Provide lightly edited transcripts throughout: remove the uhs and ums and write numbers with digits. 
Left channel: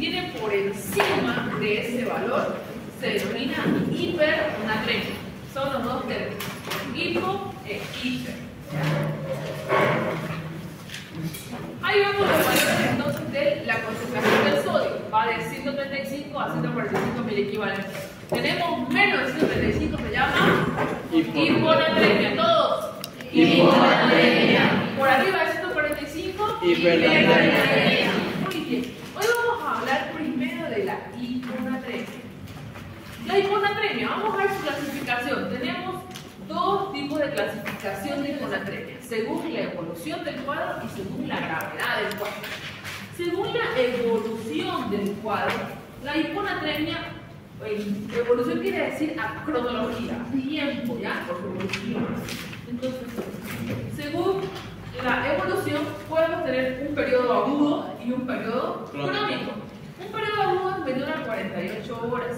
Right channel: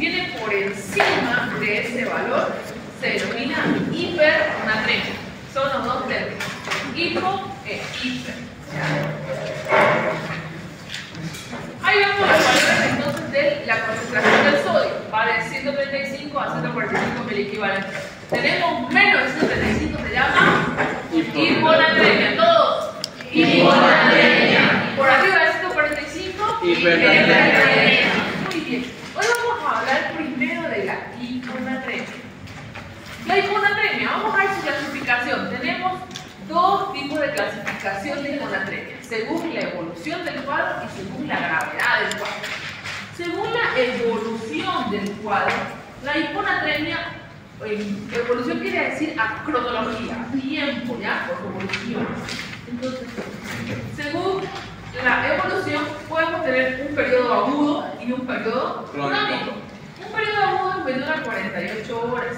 viene por encima de ese valor se denomina hipernatremia. Son los dos términos, hipo e hiper. Ahí vemos los valores entonces de la concentración del sodio. Va de 135 a 145 miliequivalentes. Tenemos menos de 135, se llama hiponatremia. Todos. Hiponatremia. Por arriba de 145, hipernatremia. Muy bien. Hoy vamos a hablar primero de la hiponatremia. La hiponatremia, vamos a ver su clasificación. Tenemos dos tipos de clasificación de hiponatremia, según la evolución del cuadro y según la gravedad del cuadro. Según la evolución del cuadro, la hiponatremia, evolución quiere decir a cronología, tiempo, ¿ya? Por evolución. Entonces, según la evolución, podemos tener un periodo agudo y un periodo crónico. Un periodo agudo es menor a 48 horas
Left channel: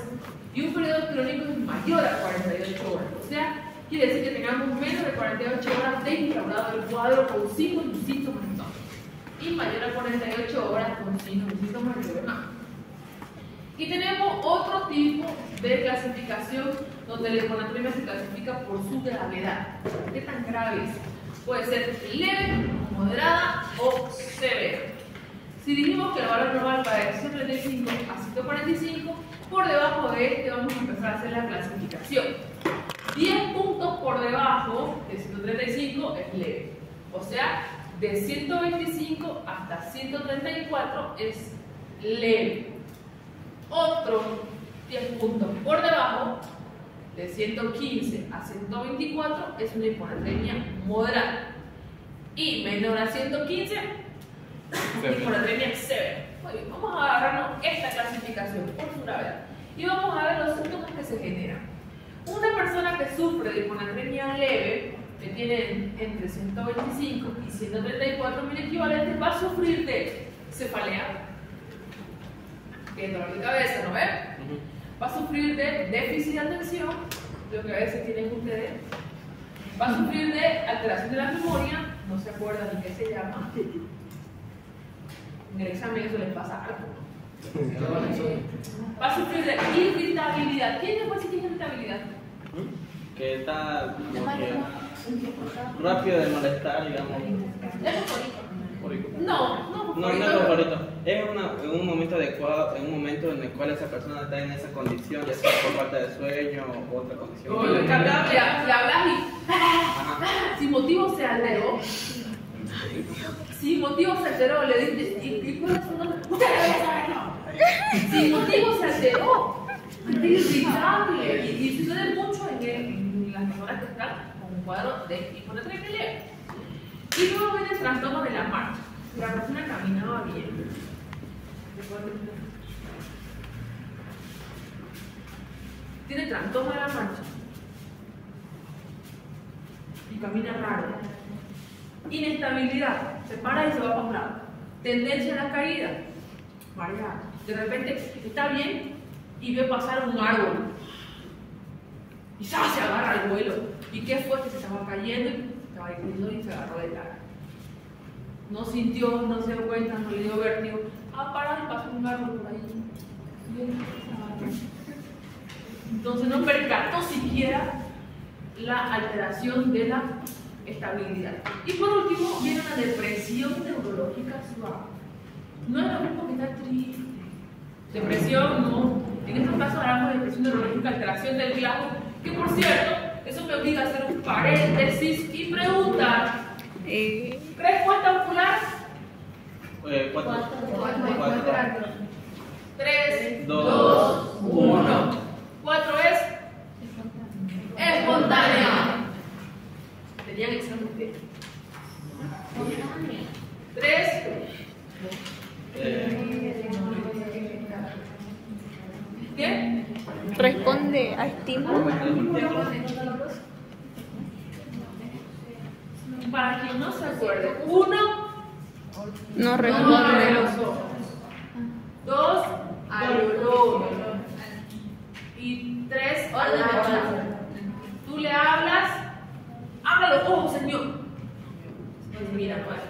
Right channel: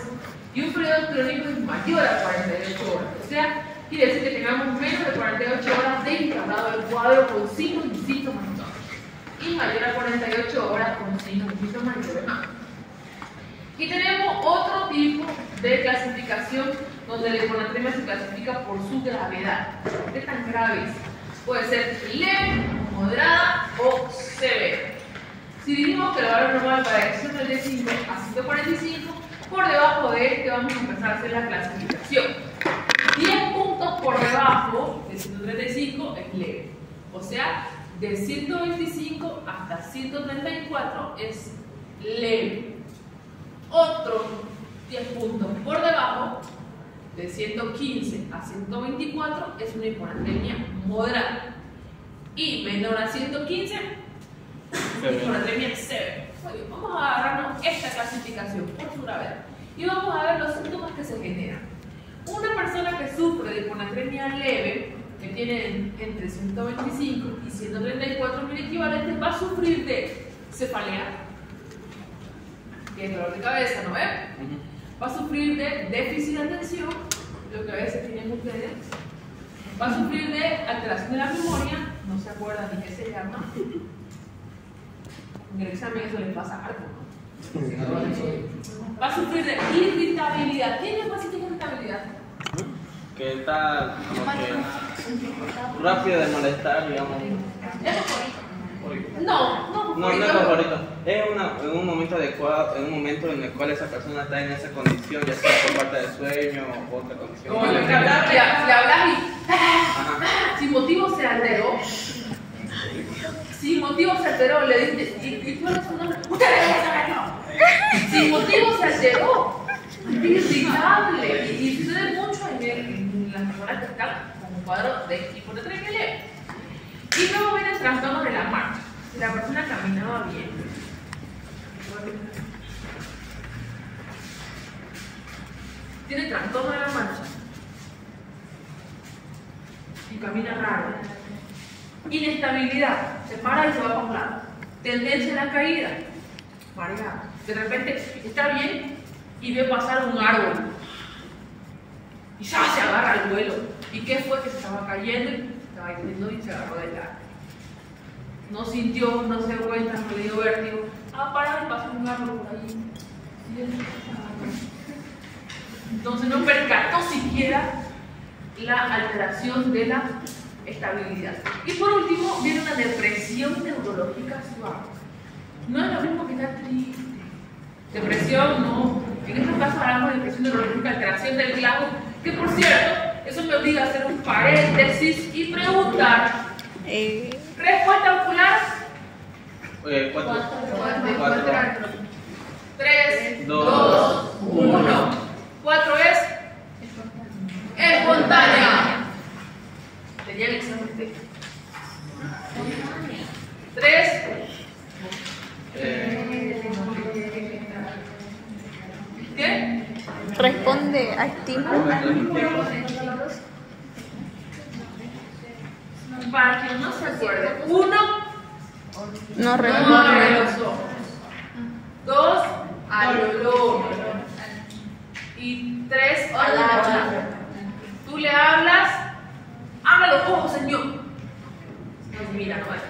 y un periodo crónico es mayor a 48 horas. O sea, quiere decir que tengamos menos de 48 horas de instaurado el cuadro con signos y síntomas y mayor a 48 horas con signos y síntomas y lo demás. Y tenemos otro tipo de clasificación donde la hiponatremia se clasifica por su gravedad. ¿Qué tan grave es? Puede ser leve, moderada o severa. Si dijimos que el valor normal va de 135 a 145, por debajo de este vamos a empezar a hacer la clasificación. 10 puntos por debajo de 135 es leve. O sea, de 125 hasta 134 es leve. Otros 10 puntos por debajo, de 115 a 124, es una hiponatremia moderada. Y menor a 115, hiponatremia severa. Muy bien, vamos a agarrarnos esta clasificación por su gravedad. Y vamos a ver los síntomas que se generan. Una persona que sufre de hiponatremia leve, que tiene entre 125 y 134 miliequivalentes, va a sufrir de cefalea, que es dolor de cabeza, ¿no ven? Va a sufrir de déficit de atención, lo que a veces tienen ustedes. Va a sufrir de alteración de la memoria, no se acuerdan ni qué se llama. En el examen eso les pasa algo. Va a sufrir de irritabilidad. ¿Quién es que tiene irritabilidad? Que está como que rápido de molestar, digamos. ¿Es favorito? No es favorito. Es en un momento adecuado, en un momento en el cual esa persona está en esa condición, ya sea por falta de sueño o otra condición. Como le hablas y sin motivo se alteró. Sin motivo se alteró, le dice, ¿y cuál es su nombre? Sin motivo se alteró. Es irritable. Y sucede mucho en las personas que están con un cuadro de hiponatremia leve. Y luego viene el trastorno de la marcha. Si la persona caminaba bien, tiene trastorno de la marcha y camina raro. Inestabilidad, se para y se va para un lado. Tendencia a la caída, mareado. De repente está bien y ve pasar un árbol y ¡zas! Se agarra al vuelo. ¿Y qué fue? Que se estaba cayendo, estaba cayendo y se agarró del árbol. No sintió, no se dio cuenta, no le dio vértigo. Parado y pasó un árbol por ahí. Entonces no percató siquiera la alteración de la estabilidad. Y por último, viene una depresión neurológica suave. No es lo mismo que estar triste. Depresión, no. En este caso hablamos de depresión neurológica, alteración del glago, que por cierto, eso me obliga a hacer un paréntesis y preguntar. Respuesta ocular. 4. 3, 2, 1. 4 es espontánea. Tenía el examen de 3. ¿Qué? Responde a estímulo. Para quien no se acuerde, 1 No abre responde. los ojos, 2 al olor y 3 a la hacha. Tú le hablas, abre los ojos, señor. Mira, no es.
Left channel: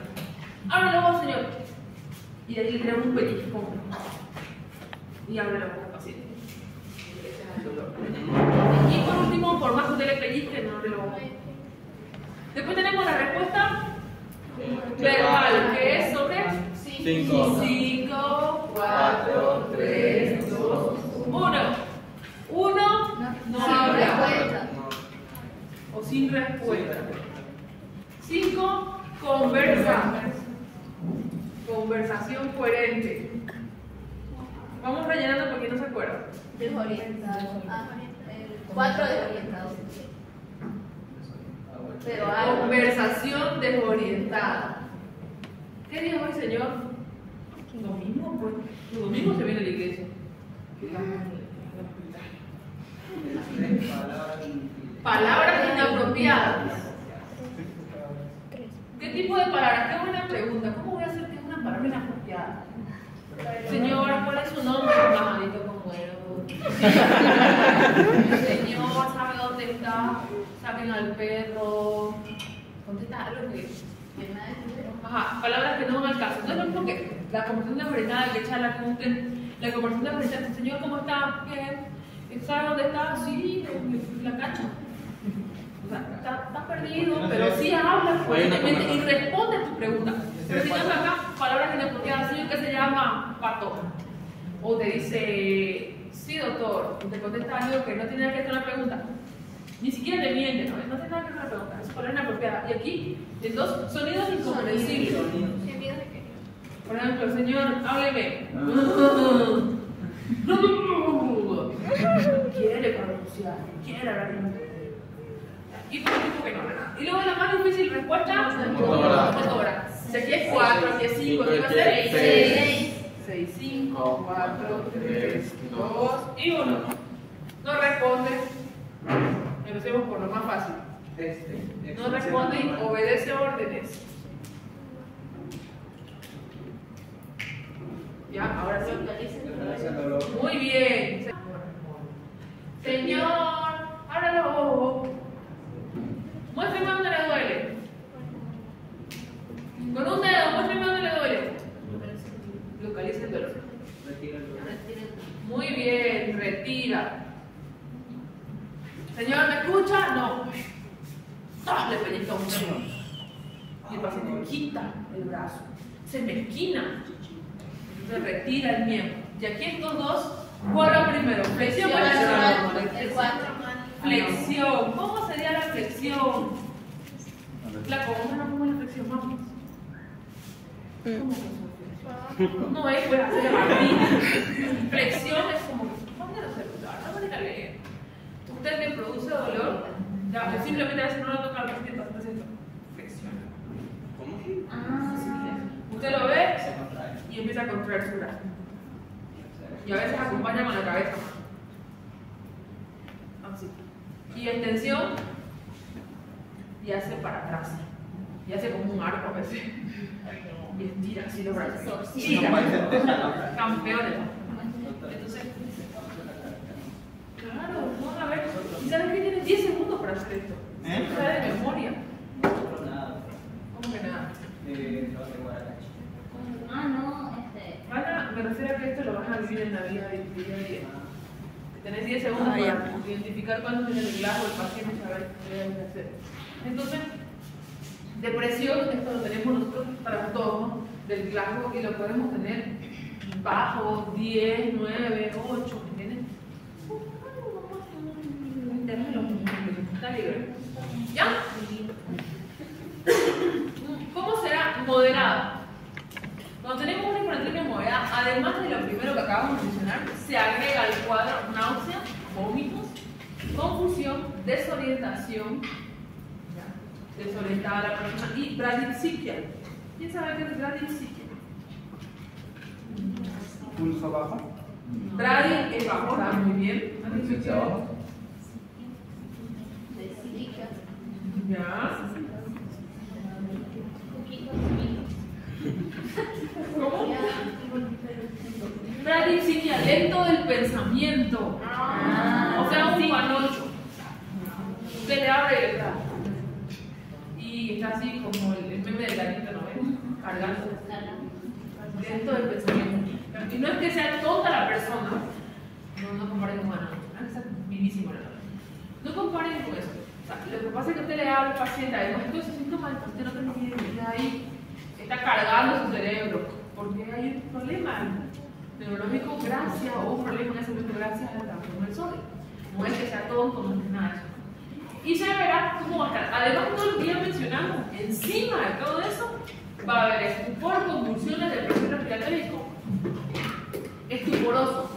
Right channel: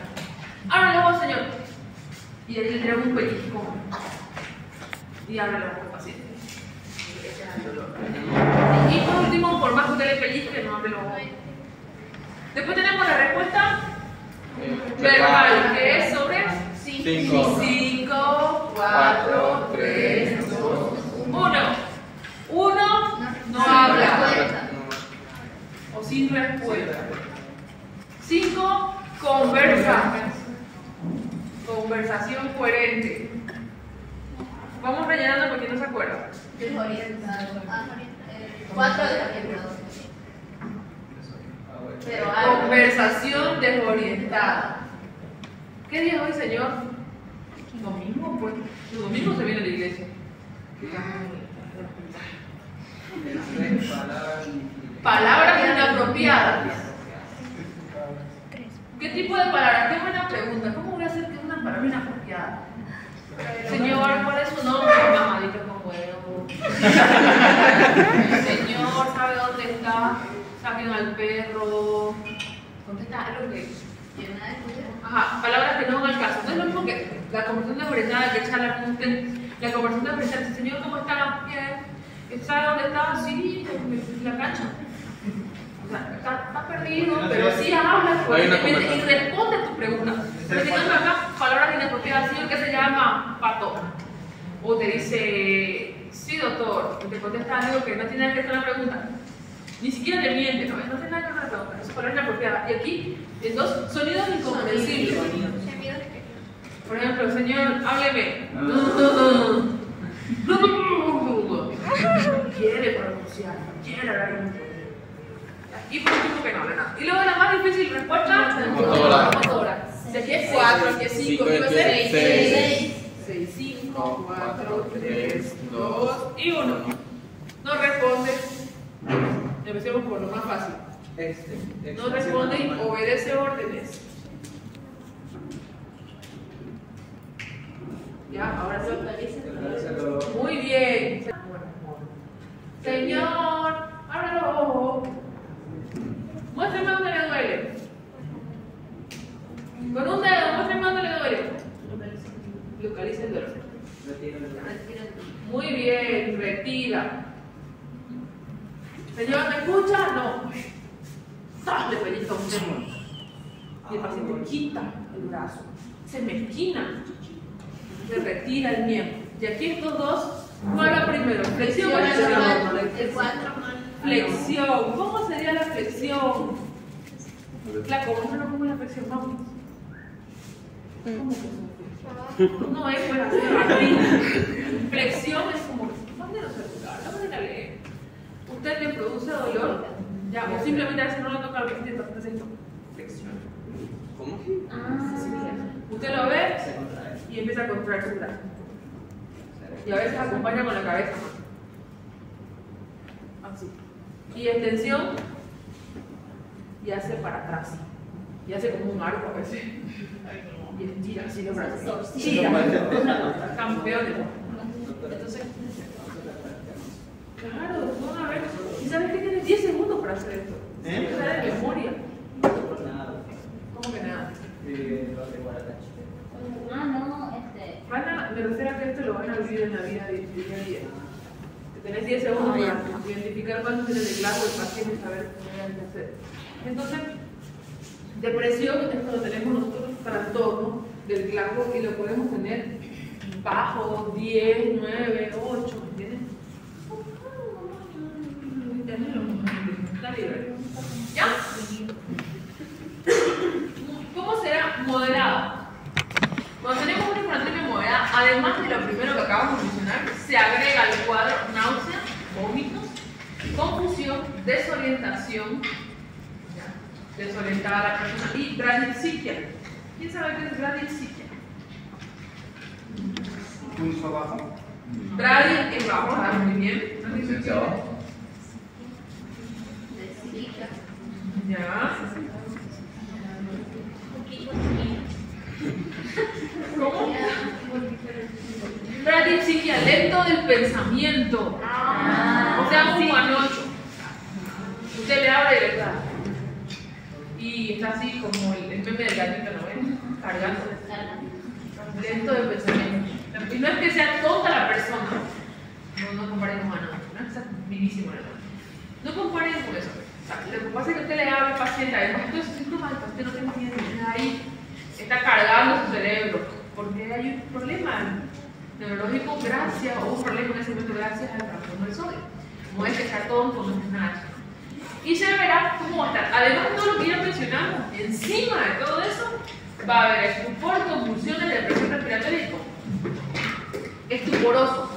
Abre los ojos, señor. Y él le trae un pellizco. y abre la boca paciente. Ese es el dolor. Y por último, por más que usted le pellizque, no abre la boca. Después tenemos la respuesta verbal, que es sobre 5, 4, 3, 2, 1. 1 no habla o sin respuesta. 5, conversa. Conversación coherente. Vamos rellenando porque no se acuerda. Desorientado. 4 desorientados. Pero conversación desorientada. ¿Qué día es hoy, señor? Domingo, pues. Los domingos se viene a la iglesia. Palabras inapropiadas. ¿Qué tipo de palabras? Qué buena pregunta. ¿Cómo voy a hacer que es una palabra inapropiada? Señor, ¿cuál es su nombre? Mamadito con huevo. Señor, ¿sabe dónde está? Saquen al perro. Contesta algo que. Ajá, palabras que no van al caso. No es lo mismo que la conversación desorientada que charla con usted. La conversación desorientada, señor, ¿cómo está? Bien. ¿Sabe dónde está? Sí, en la cancha. O sea, está perdido, pero sí habla coherentemente y responde tu pregunta. Pero digamos acá, palabras inapropiadas, señor, que se llama pato. O te dice, sí, doctor, y te contesta algo que no tiene nada que ver con la pregunta. Ni siquiera te miente, no tiene nada que ver con la pregunta. Es palabra inapropiada. Y aquí, en dos sonidos incomprensibles. Por ejemplo, señor, hábleme. Quiere pronunciar, quiere hablar. Y por último que no habla nada. Y luego la más difícil respuesta, motora. Si aquí es 4, aquí es 5, aquí va a ser 6, 5, 4, 3, 2 y 1. No responde. Empecemos por lo más fácil. No responde y obedece órdenes. Ya, ahora sí. Muy bien. Señor, abra los ojos. Muéstrame dónde le duele. Con un dedo, muéstrame dónde le duele. Localiza el dolor. Muy bien, retira. Señor, ¿me escucha? No. Le pellizca un temor. Y el paciente quita el brazo. Se mezquina. Se retira el miembro. Y aquí estos dos, ¿cuál era primero? ¿Flexión o flexión? El 4 Flexión. ¿Cómo sería la flexión? La común no como la flexión, vamos. ¿Cómo? No es pues hacer la flexión es como, ¿dónde lo celular? ¿Dónde la lee? Usted le produce dolor, ya, o simplemente a veces no lo toca al paciente, está haciendo flexión. ¿Cómo? Usted lo ve y empieza a contraer su brazo. Y a veces acompaña con la cabeza. Así. Y extensión y hace para atrás. Y hace como un arco a veces. Y estira así los brazos. Tira. Campeones. Entonces, claro, vamos a ver. ¿Y sabes que tienes 10 segundos para hacer esto? Está de memoria. ¿Cómo que nada? Me refiero a que esto lo van a vivir en la vida de día a día. Tenés 10 segundos para identificar cuándo tiene el glajo, el paciente, saber qué hay que hacer. Entonces, depresión es cuando tenemos nosotros trastorno del glajo y lo podemos tener bajo, 10, 9, 8, ¿entiendes? Está libre. ¿Ya? ¿Cómo será moderado? Cuando tenemos una hipernatremia moderada, además de lo primero que acabamos de mencionar, se agrega al cuadro náusea, vómitos, confusión, desorientación, desorientada a la persona, y bradipsiquia. ¿Quién sabe qué es bradipsiquia? ¿Pulso bajo? Bradi es bajo, está muy bien. Ya. ¿Cómo? Bradipsiquia, lento del pensamiento. O sea, un panocho. Usted le abre y le da. Y está así como el meme del gatito, ¿no ven? Cargando. Lento del pensamiento. Y no es que sea tonta la persona, muchísimo. No comparen con eso. O sea, lo que pasa es que usted le habla al paciente, además de esos síntomas, el paciente no tiene miedo, ahí está cargando su cerebro, porque hay un problema neurológico gracias, o un problema en ese momento gracias al trastorno del sodio. No es que sea tonto, no es nada. Y se verá cómo va a estar. Además de todo lo que ya mencionamos, encima de todo eso, va a haber estupor, convulsiones, depresión respiratoria y estuporoso,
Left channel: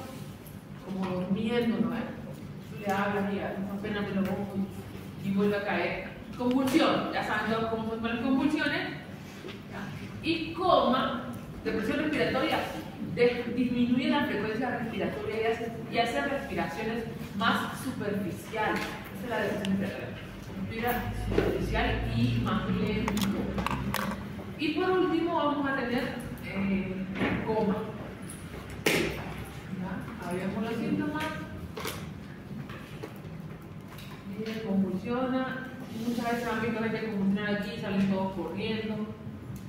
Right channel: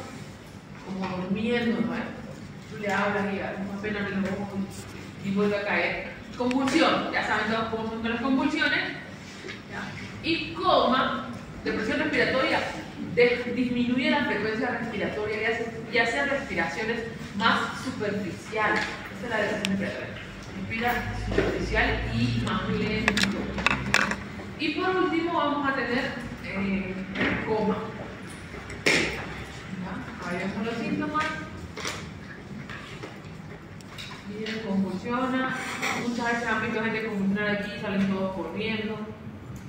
como durmiendo, ¿no? Tú le hablas y apenas me lo ojo y vuelve a caer. Convulsión, ya saben todos cómo son las convulsiones. ¿Ya? Y coma, depresión respiratoria, disminuye la frecuencia respiratoria y hace respiraciones más superficiales. Esa es la depresión respiratoria. Respira superficial y más lento. Y por último vamos a tener coma. ¿Ya? Ahí vemos los síntomas. Miren, convulsiona. Muchas veces han visto gente convulsionar aquí, salen todos corriendo.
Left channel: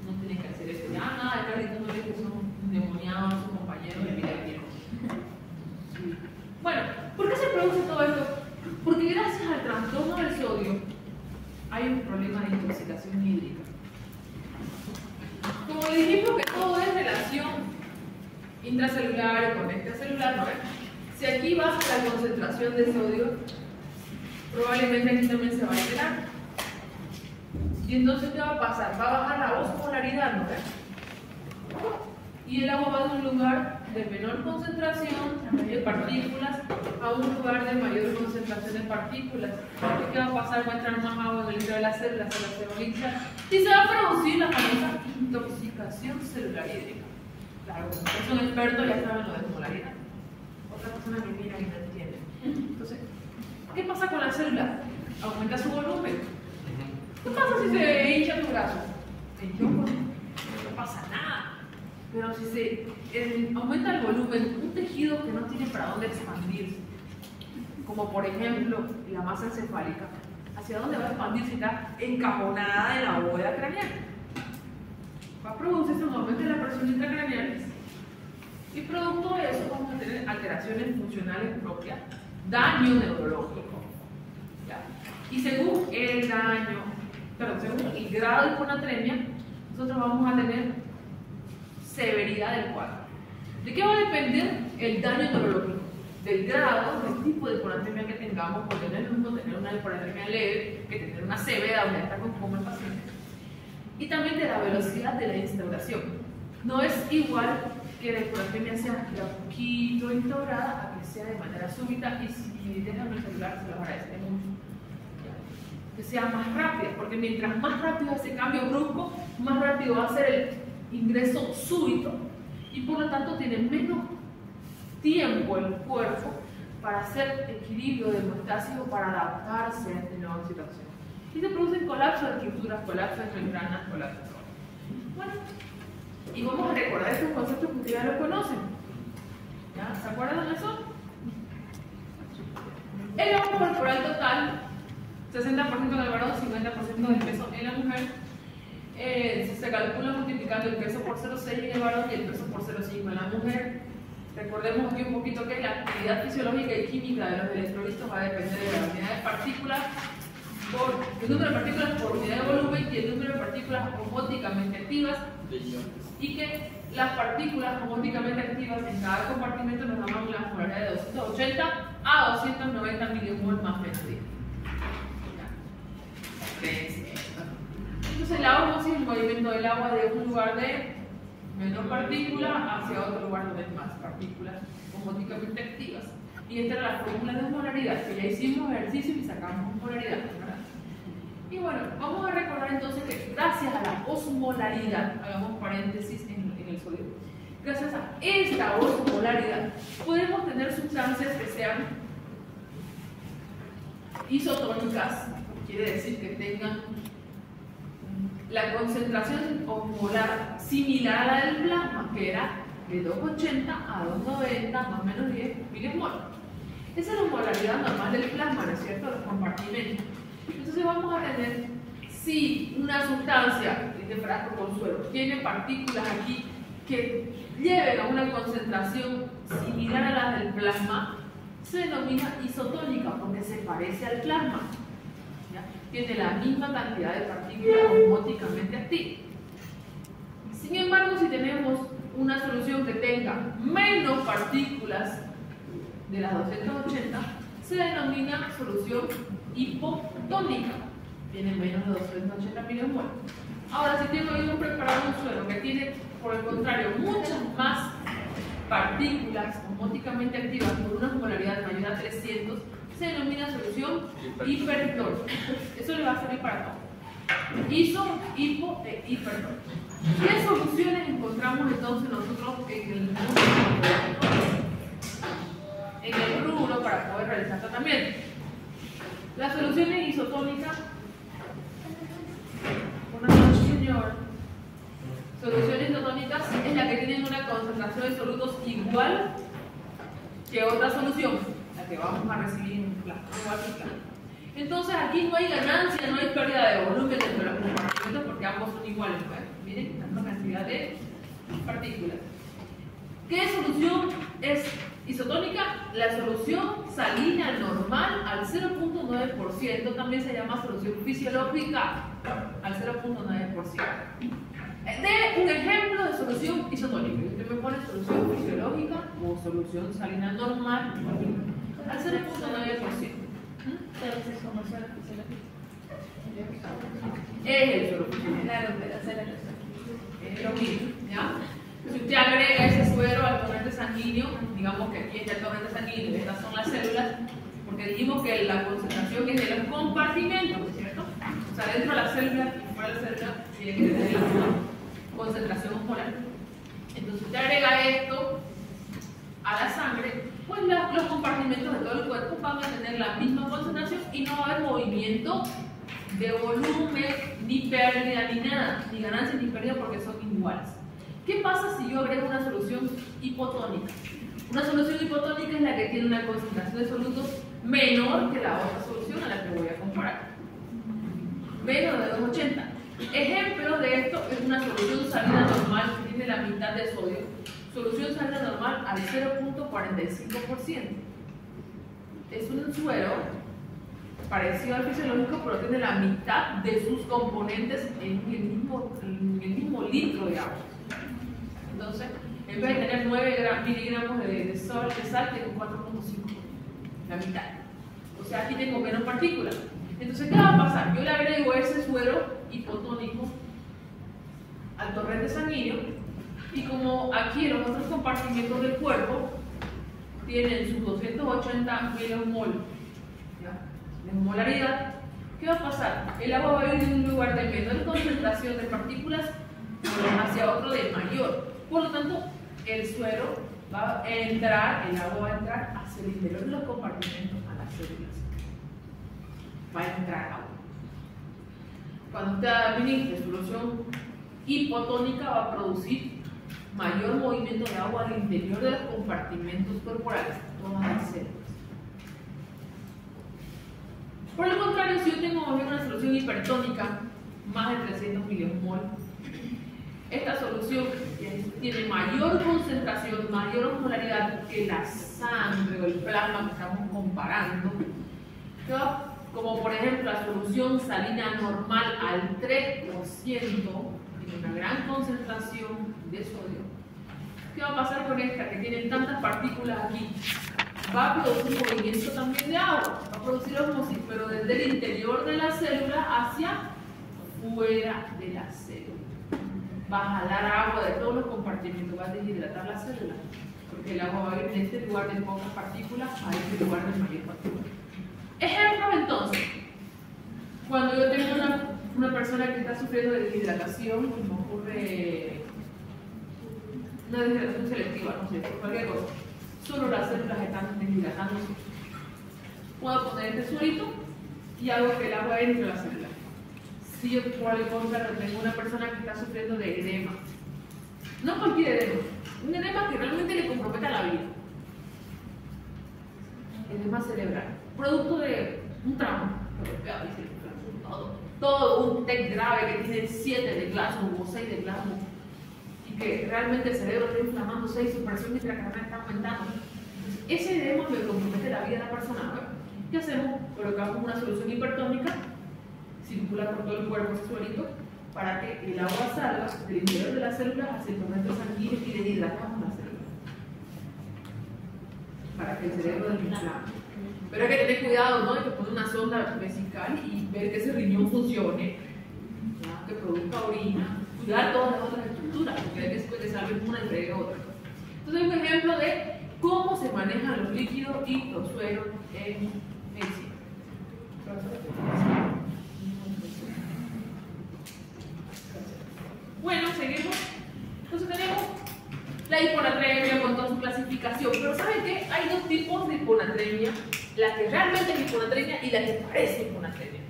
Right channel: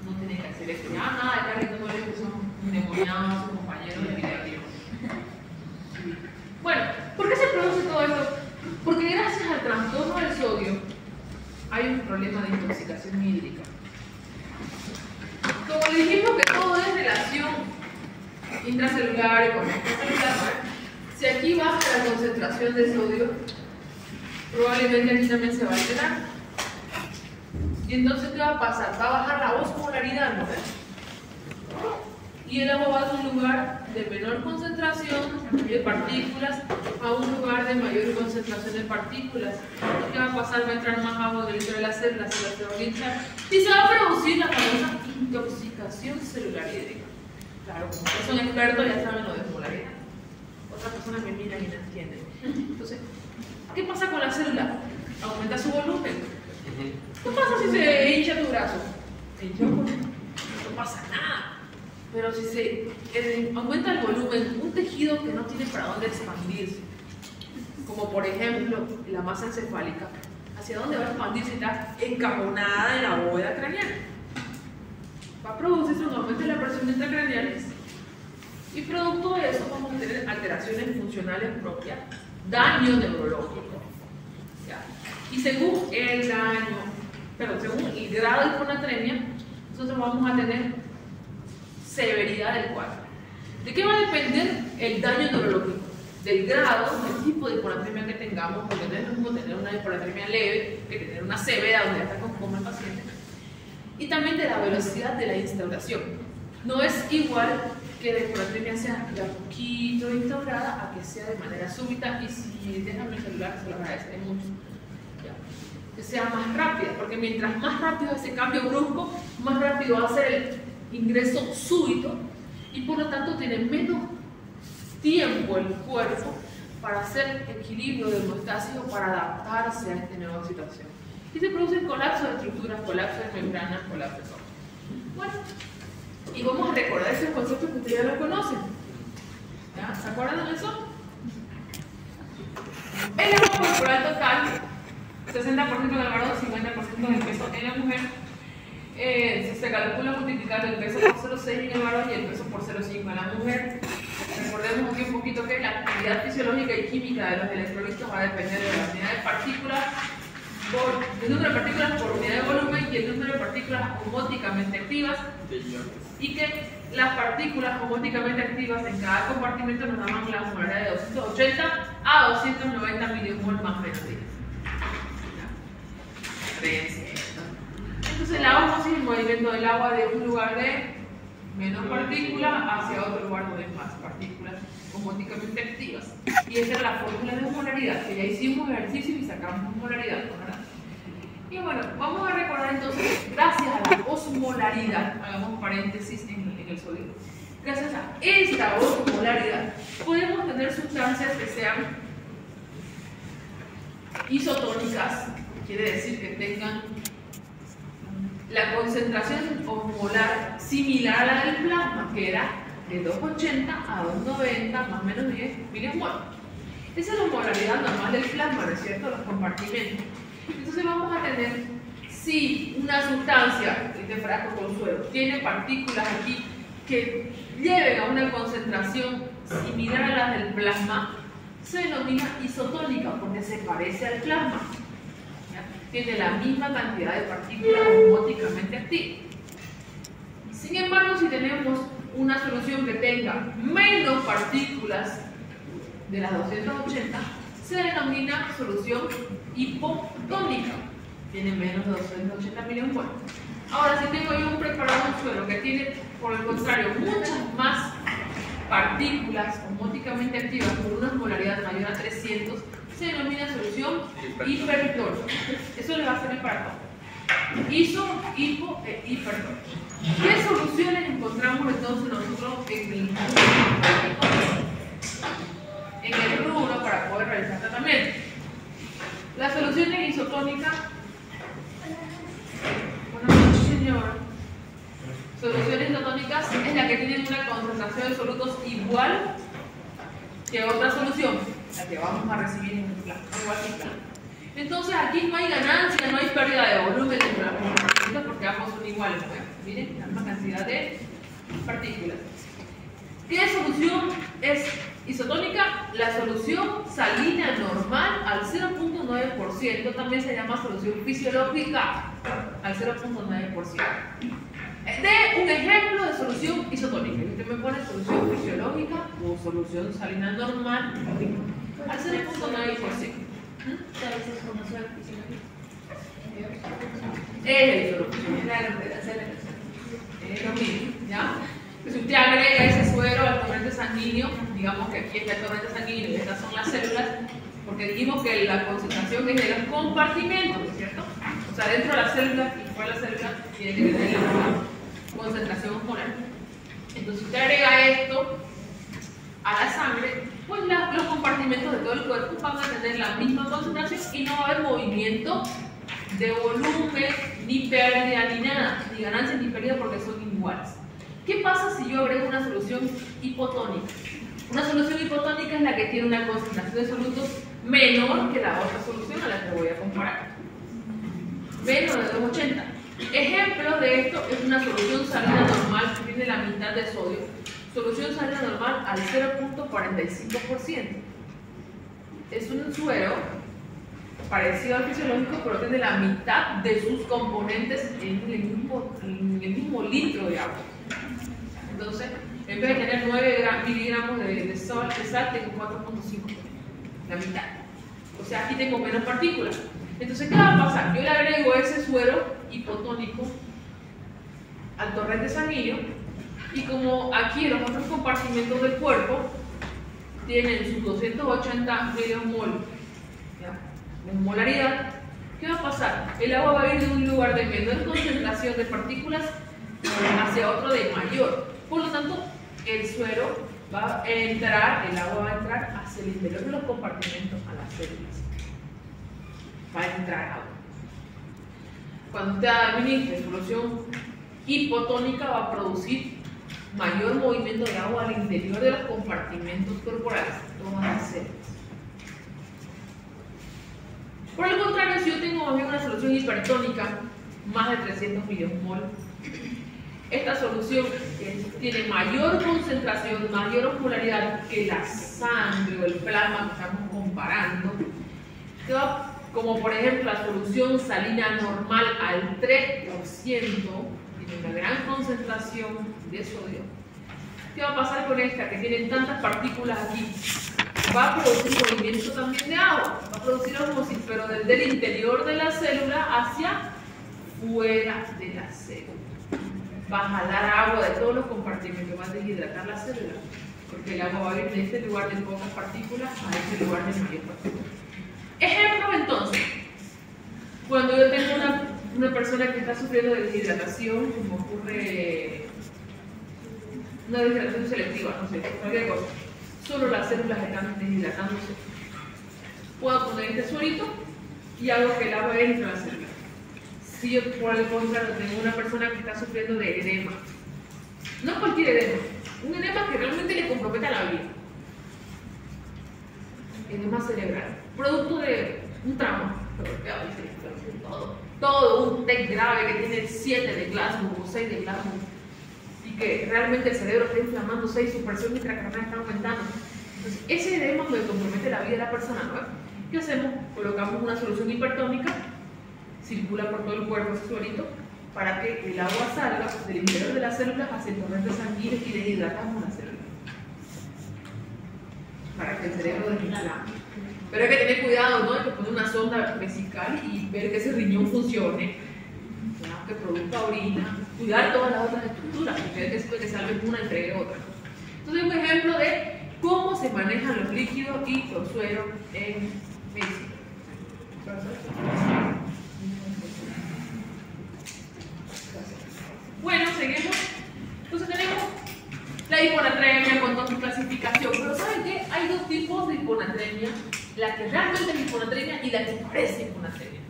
No tienen que hacer esto. Ya nada, el carrito no les que son endemoniados a sus compañeros de vida. Bueno, ¿por qué se produce todo esto? Porque gracias al trastorno del sodio hay un problema de intoxicación hídrica. Como le dijimos que todo es relación intracelular y con extracelular, si aquí baja la concentración de sodio, probablemente aquí también se va a alterar. Y entonces, ¿qué va a pasar? Va a bajar la osmolaridad, ¿no? Y el agua va de un lugar de menor concentración de partículas a un lugar de mayor concentración de partículas. ¿Qué va a pasar? Va a entrar más agua en el interior de la célula se va a hinchar y se va a producir la famosa intoxicación celular hídrica. Claro, como ustedes son expertos, ya saben lo de osmolaridad. Otra persona me mira y no entiende. Entonces, ¿qué pasa con la célula? Aumenta su volumen. ¿Qué pasa si se hincha tu brazo? Se hincha, no pasa nada. Pero si se aumenta el volumen, un tejido que no tiene para dónde expandirse, como por ejemplo la masa encefálica, ¿hacia dónde va a expandirse? Está encajonada en la bóveda craneal. Va a producirse un aumento de la presión intracraneal y producto de eso vamos a tener alteraciones funcionales propias, daño neurológico. ¿Ya? Y según el grado de hiponatremia, nosotros vamos a tener severidad del cuadro. ¿De qué va a depender el daño neurológico? Del grado, del tipo de hiponatremia que tengamos, porque no es lo mismo tener una hiponatremia leve que tener una severa donde ya está con coma el paciente. Y también de la velocidad de la instauración. No es igual que la hiponatremia sea de a poquito instaurada a que sea de manera súbita, y si dejan el celular se lo agradeceré mucho. ¿Ya? Que sea más rápida, porque mientras más rápido ese cambio brusco, más rápido va a ser el ingreso súbito y por lo tanto tiene menos tiempo el cuerpo para hacer equilibrio de hemostasis o para adaptarse a esta nueva situación. Y se producen colapsos de estructuras, colapsos de membranas, colapsos de todo. Bueno, y vamos a recordar esos conceptos que ustedes ya los conocen. ¿Ya? ¿Se acuerdan de eso? El peso corporal total, 60% del varón, 50% del peso en la mujer. Se calcula multiplicando el peso por 0,6 en el varón y el peso por 0,5 en la mujer. Recordemos aquí un poquito que la actividad fisiológica y química de los electrolitos va a depender de la unidad de partículas, el número de partículas por unidad de volumen y el número de partículas homóticamente activas, y que las partículas homóticamente activas en cada compartimento nos dan una osmolaridad de 280 a 290 milimol más menos 10. Entonces la osmosis es el movimiento del agua de un lugar de menos partículas hacia otro lugar donde hay más partículas homóticamente activas. Y esta es la fórmula de osmolaridad, que ya hicimos ejercicio y sacamos osmolaridad, ¿verdad? Y bueno, vamos a recordar entonces que gracias a la osmolaridad, hagamos paréntesis en el sodio, gracias a esta osmolaridad podemos tener sustancias que sean isotónicas, quiere decir que tengan la concentración osmolar similar a la del plasma, que era de 280 a 290 más o menos 10 milimol. Esa es la osmolaridad normal del plasma, ¿no es cierto? Los compartimentos. Entonces vamos a tener, si una sustancia, este frasco con suero, tiene partículas aquí que lleven a una concentración similar a la del plasma, se denomina isotónica porque se parece al plasma. ¿Ya? Tiene la misma cantidad de partículas osmóticamente activas. Sin embargo, si tenemos una solución que tenga menos partículas de las 280, se denomina solución hipotónica. Tiene menos de 280 mMol. Ahora, si tengo yo un preparado de un suelo que tiene, por el contrario, muchas más partículas osmóticamente activas por una osmolaridad mayor a 300, se denomina solución hipertónica. Eso le va a servir para todo. Iso, hipo e hipertónica. ¿Qué soluciones encontramos entonces nosotros en el rubro para poder realizar tratamiento? Las soluciones isotónicas. Buenas noches, señor. Soluciones isotónicas es la que tienen una concentración de solutos igual que otra solución, la que vamos a recibir en el plan, igual que el plan. Entonces aquí no hay ganancia, no hay pérdida de volumen entre los compartimentos porque ambos son iguales. Bueno, miren, la misma cantidad de partículas. ¿Qué solución es isotónica? La solución salina normal al 0.9%, también se llama solución fisiológica al 0.9%. De un ejemplo de solución isotónica. Usted me pone solución fisiológica o solución salina normal al 0.9%. ¿Sabes cómo suena fisiológico? Es el solución. Claro, de hacer la relación. Es lo mismo, ¿ya? Si usted agrega ese suero al torrente sanguíneo, digamos que aquí está el torrente sanguíneo y estas son las células, porque dijimos que la concentración es de los compartimentos, ¿cierto? O sea, dentro de las células y fuera de las células tiene que tener la misma concentración osmolar. Entonces, si usted agrega esto a la sangre, pues los compartimentos de todo el cuerpo van a tener la misma concentración y no va a haber movimiento de volumen, ni pérdida, ni nada, ni ganancia ni pérdida porque son iguales. ¿Qué pasa si yo agrego una solución hipotónica? Una solución hipotónica es la que tiene una concentración de solutos menor que la otra solución a la que voy a comparar. Menos de 280. Ejemplo de esto es una solución salina normal que tiene la mitad de sodio. Solución salina normal al 0.45%. Es un suero parecido al fisiológico, pero tiene la mitad de sus componentes en el mismo litro de agua. Entonces, en vez de tener 9 miligramos de sal, tengo 4.5, la mitad. O sea, aquí tengo menos partículas. Entonces, ¿qué va a pasar? Yo le agrego ese suero hipotónico al torrente sanguíneo y como aquí los otros compartimentos del cuerpo tienen sus 280 mMol de osmolaridad, ¿qué va a pasar? El agua va a ir de un lugar de menor concentración de partículas hacia otro de mayor. Por lo tanto, el suero va a entrar, el agua va a entrar hacia el interior de los compartimentos, a las células. Va a entrar agua. Cuando usted administre solución hipotónica, va a producir mayor movimiento de agua al interior de los compartimentos corporales, todas las células. Por el contrario, si yo tengo una solución hipertónica, más de 300 mMol, esta solución tiene mayor concentración, mayor osmolaridad que la sangre o el plasma que estamos comparando, como por ejemplo la solución salina normal al 3%, tiene una gran concentración de sodio. ¿Qué va a pasar con esta que tiene tantas partículas aquí? Va a producir movimiento también de agua, va a producir osmosis, pero desde el interior de la célula hacia fuera de la célula. Va a jalar agua de todos los compartimentos, va a deshidratar la célula, porque el agua va a ir de este lugar de pocas partículas a este lugar de mayor partículas. Ejemplo entonces, cuando yo tengo una persona que está sufriendo de deshidratación, como ocurre una deshidratación selectiva, no sé, cualquier cosa, solo las células están deshidratándose. Puedo poner este suerito y hago que el agua entre a la célula. Si yo por el contrario tengo una persona que está sufriendo de edema, no cualquier edema, un edema que realmente le comprometa la vida, edema cerebral, producto de un trauma, todo un TEC grave que tiene 7 de Glasgow o 6 de Glasgow y que realmente el cerebro está inflamándose y su presión intracraniana está aumentando. Entonces, ese edema me compromete la vida de la persona, ¿no? ¿Qué hacemos? Colocamos una solución hipertónica, circula por todo el cuerpo ese suerito, para que el agua salga del interior de las células hacia el torrente sanguíneo y le hidratamos las células. Para que el cerebro desinflame. Pero hay que tener cuidado, ¿no? Hay que poner una sonda vesical y ver que ese riñón funcione, ¿no? Que produzca orina, cuidar todas las otras estructuras, porque hay que salve una y entregue otra. Entonces, un ejemplo de cómo se manejan los líquidos y los sueros en medicina. Bueno, seguimos. Entonces tenemos la hiponatremia con toda su clasificación. Pero ¿saben qué? Hay dos tipos de hiponatremia. La que realmente es hiponatremia y la que parece hiponatremia.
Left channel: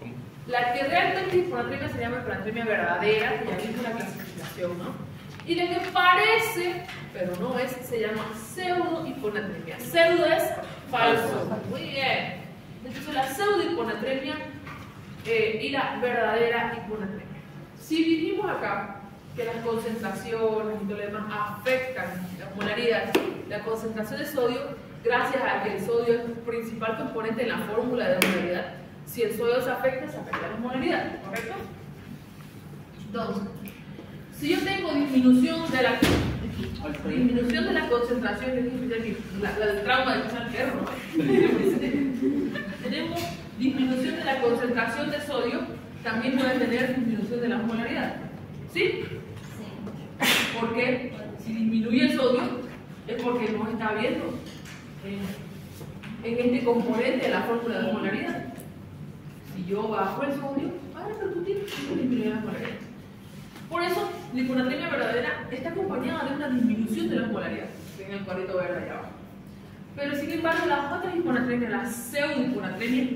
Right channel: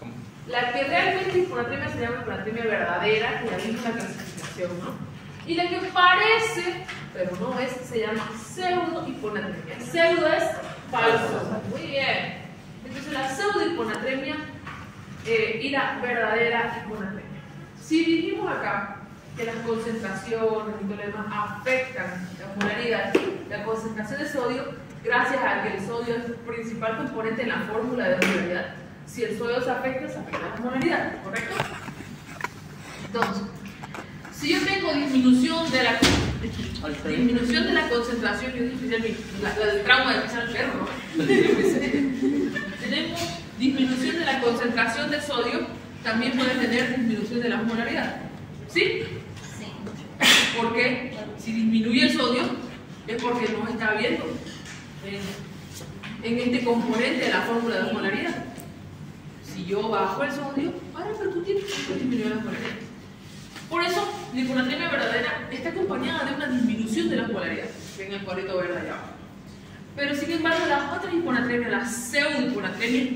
¿Cómo? La que realmente es hiponatremia se llama hiponatremia verdadera, que ya vimos la clasificación, ¿no? Y la que parece, pero no es, se llama pseudo hiponatremia. Pseudo es falso. Muy bien. Entonces la pseudo hiponatremia y la verdadera hiponatremia. Si dijimos acá que las concentraciones y todo lo demás afectan la osmolaridad, la concentración de sodio, gracias a que el sodio es el principal componente en la fórmula de osmolaridad. Si el sodio se afecta la osmolaridad, ¿correcto? Entonces, si yo tengo disminución de la concentración, yo dije la del trauma de pisar al perro, ¿no? Tenemos disminución de la concentración de sodio, también puede tener disminución de la osmolaridad. ¿Sí? Sí. Porque si disminuye el sodio es porque no está habiendo en este componente de la fórmula de osmolaridad. Si yo bajo el sodio, va a repercutir en disminuir la osmolaridad. Por eso, la hiponatremia verdadera está acompañada de una disminución de la osmolaridad. Ven el cuadrito verde allá abajo. Pero sin embargo, las otras hiponatremias, la pseudohiponatremia,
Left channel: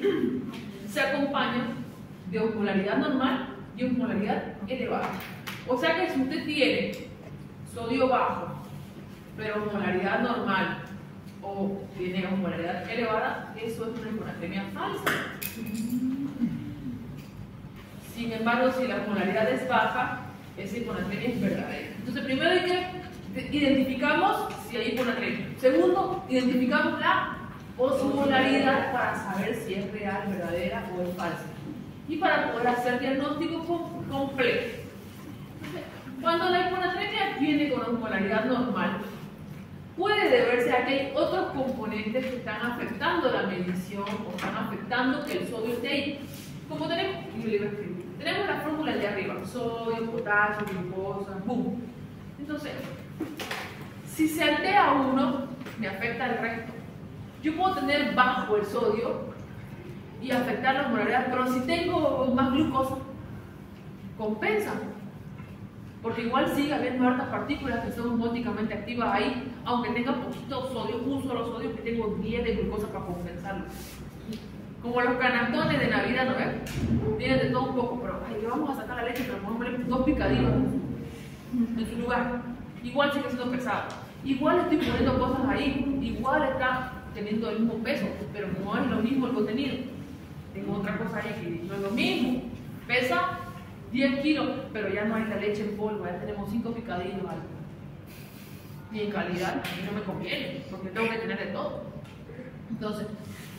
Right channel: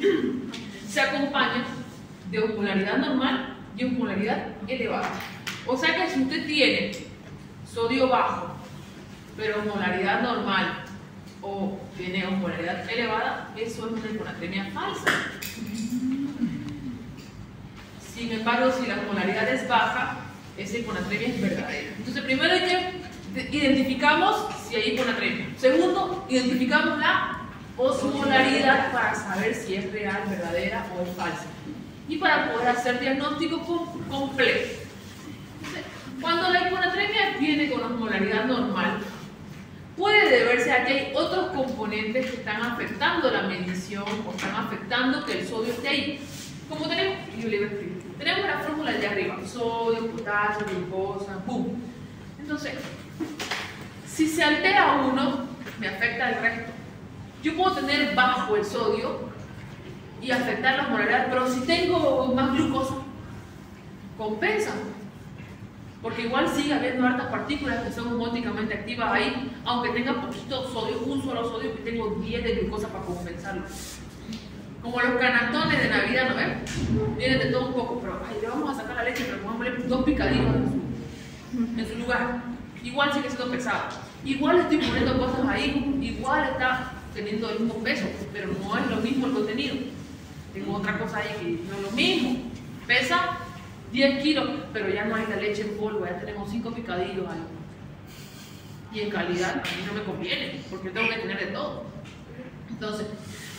se acompañan de osmolaridad normal y osmolaridad elevada. O sea que si usted tiene sodio bajo, pero osmolaridad normal, o tiene osmolaridad elevada, eso es una hiponatremia falsa. Sin embargo, si la osmolaridad es baja, esa hiponatremia es verdadera. Entonces, primero hay que identificamos si hay hiponatremia. Segundo, identificamos la osmolaridad para saber si es real, verdadera o es falsa. Y para poder hacer diagnóstico completo. Entonces, cuando la hiponatremia viene con osmolaridad normal, puede deberse a que hay otros componentes que están afectando la medición o están afectando que el sodio esté ahí. Como tenemos la fórmula de arriba, sodio, potasio, glucosa, ¡pum! Entonces, si se altera uno, me afecta el resto. Yo puedo tener bajo el sodio y afectar la osmolaridad, pero si tengo más glucosa, compensa. Porque igual sigue habiendo hartas partículas que son osmóticamente activas ahí, aunque tenga poquito sodio, un solo sodio, que tengo 10 de glucosa para compensarlo. Como los canastones de Navidad, ¿no ven? Tienen de todo un poco, pero le vamos a sacar la leche, pero pongámosle 2 picadillos en su lugar. Igual sigue siendo pesado. Igual estoy poniendo cosas ahí, igual está teniendo el mismo peso, pero no es lo mismo el contenido. Tengo otra cosa ahí que no es lo mismo. Pesa 10 kilos, pero ya no hay la leche en polvo, ya tenemos 5 picadillos ahí. Y en calidad a mí no me conviene, porque tengo que tener de todo. Entonces,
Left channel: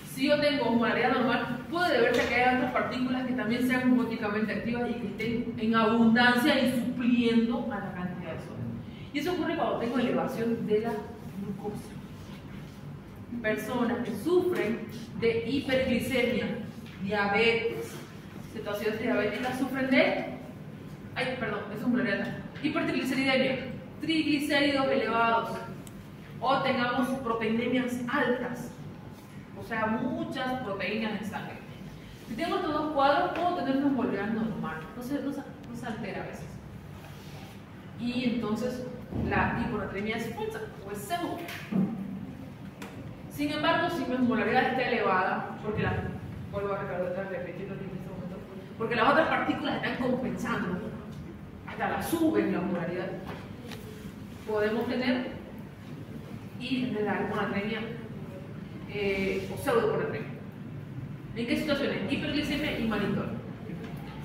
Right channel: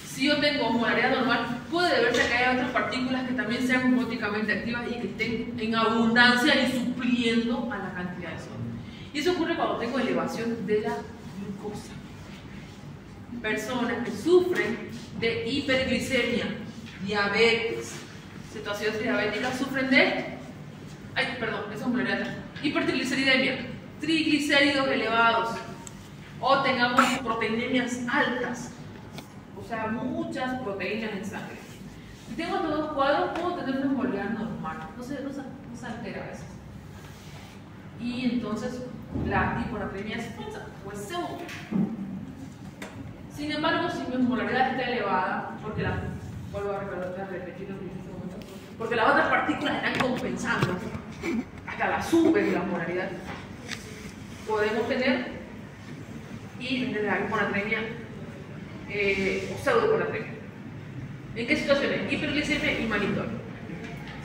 si yo tengo osmolaridad normal, puede deberse a que haya otras partículas que también sean osmóticamente activas y que estén en abundancia y supliendo a la cantidad de sodio. Y eso ocurre cuando tengo elevación de la glucosa. Personas que sufren de hiperglicemia, diabetes, cetoacidosis diabética, sufren de hipertrigliceridemia, triglicéridos elevados, o tengamos proteinemias altas, o sea, muchas proteínas en sangre. Si tengo estos dos cuadros, puedo tener una osmolaridad normal, no se altera a veces. Y entonces la hiponatremia es falsa o es pseudo. Sin embargo, si mi osmolaridad está elevada, porque vuelvo a repetir lo que dije en este momento, porque las otras partículas están compensando, hasta la suben la osmolaridad, podemos tener la hiponatremia o pseudohiponatremia. ¿En qué situaciones? Hiperglicemia y manitol.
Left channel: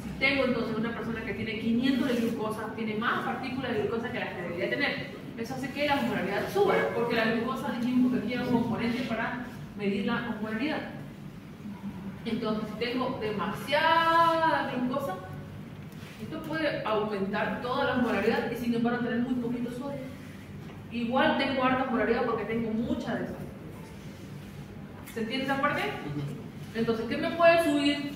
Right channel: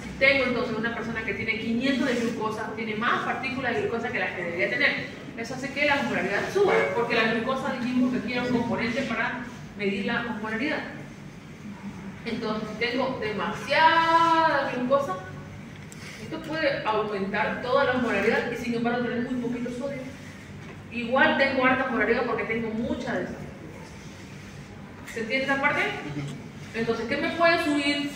Si tengo entonces una persona que tiene 500 de glucosa, tiene más partículas de glucosa que las que debería tener, eso hace que la osmolaridad suba, porque la glucosa dijimos que tiene un componente medir la osmolaridad. Entonces, si tengo demasiada glucosa, esto puede aumentar toda la osmolaridad y sin embargo tener muy poquito sodio. Igual tengo alta osmolaridad porque tengo mucha de esas. ¿Se entiende esa parte? Entonces, ¿qué me puede subir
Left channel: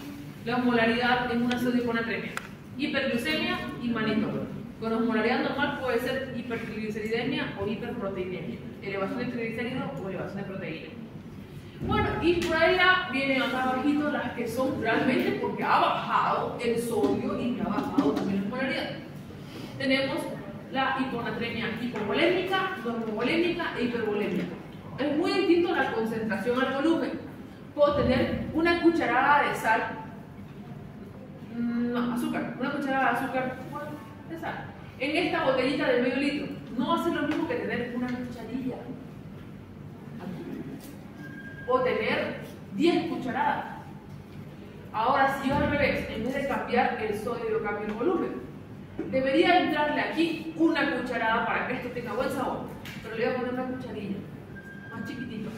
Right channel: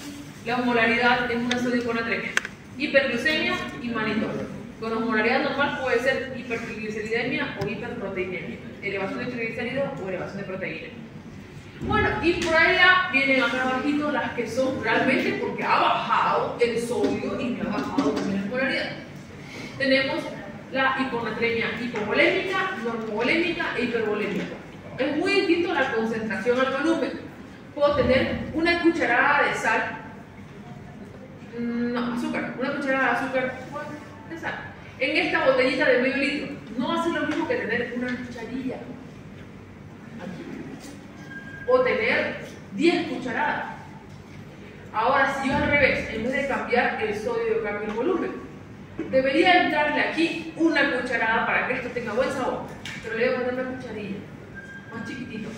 la osmolaridad en una sodiconatremia? Hiperglucemia y manitol. Con osmolaridad normal puede ser hipertrigliceridemia o hiperproteinemia, elevación de triglicéridos o elevación de proteína. Bueno, y por ahí vienen acá abajito las que son realmente porque ha bajado el sodio y me ha bajado también la osmolaridad. Tenemos la hiponatremia hipovolémica, normovolémica e hipervolémica. Es muy distinto la concentración al volumen. Puedo tener una cucharada de sal, azúcar, una cucharada de azúcar de sal en esta botellita de medio litro. No hace lo mismo que tener una cucharilla o tener 10 cucharadas. Ahora, si yo al revés, en vez de cambiar el sodio, yo cambio el volumen, debería entrarle aquí una cucharada para que esto tenga buen sabor, pero le voy a poner una cucharilla más chiquitito.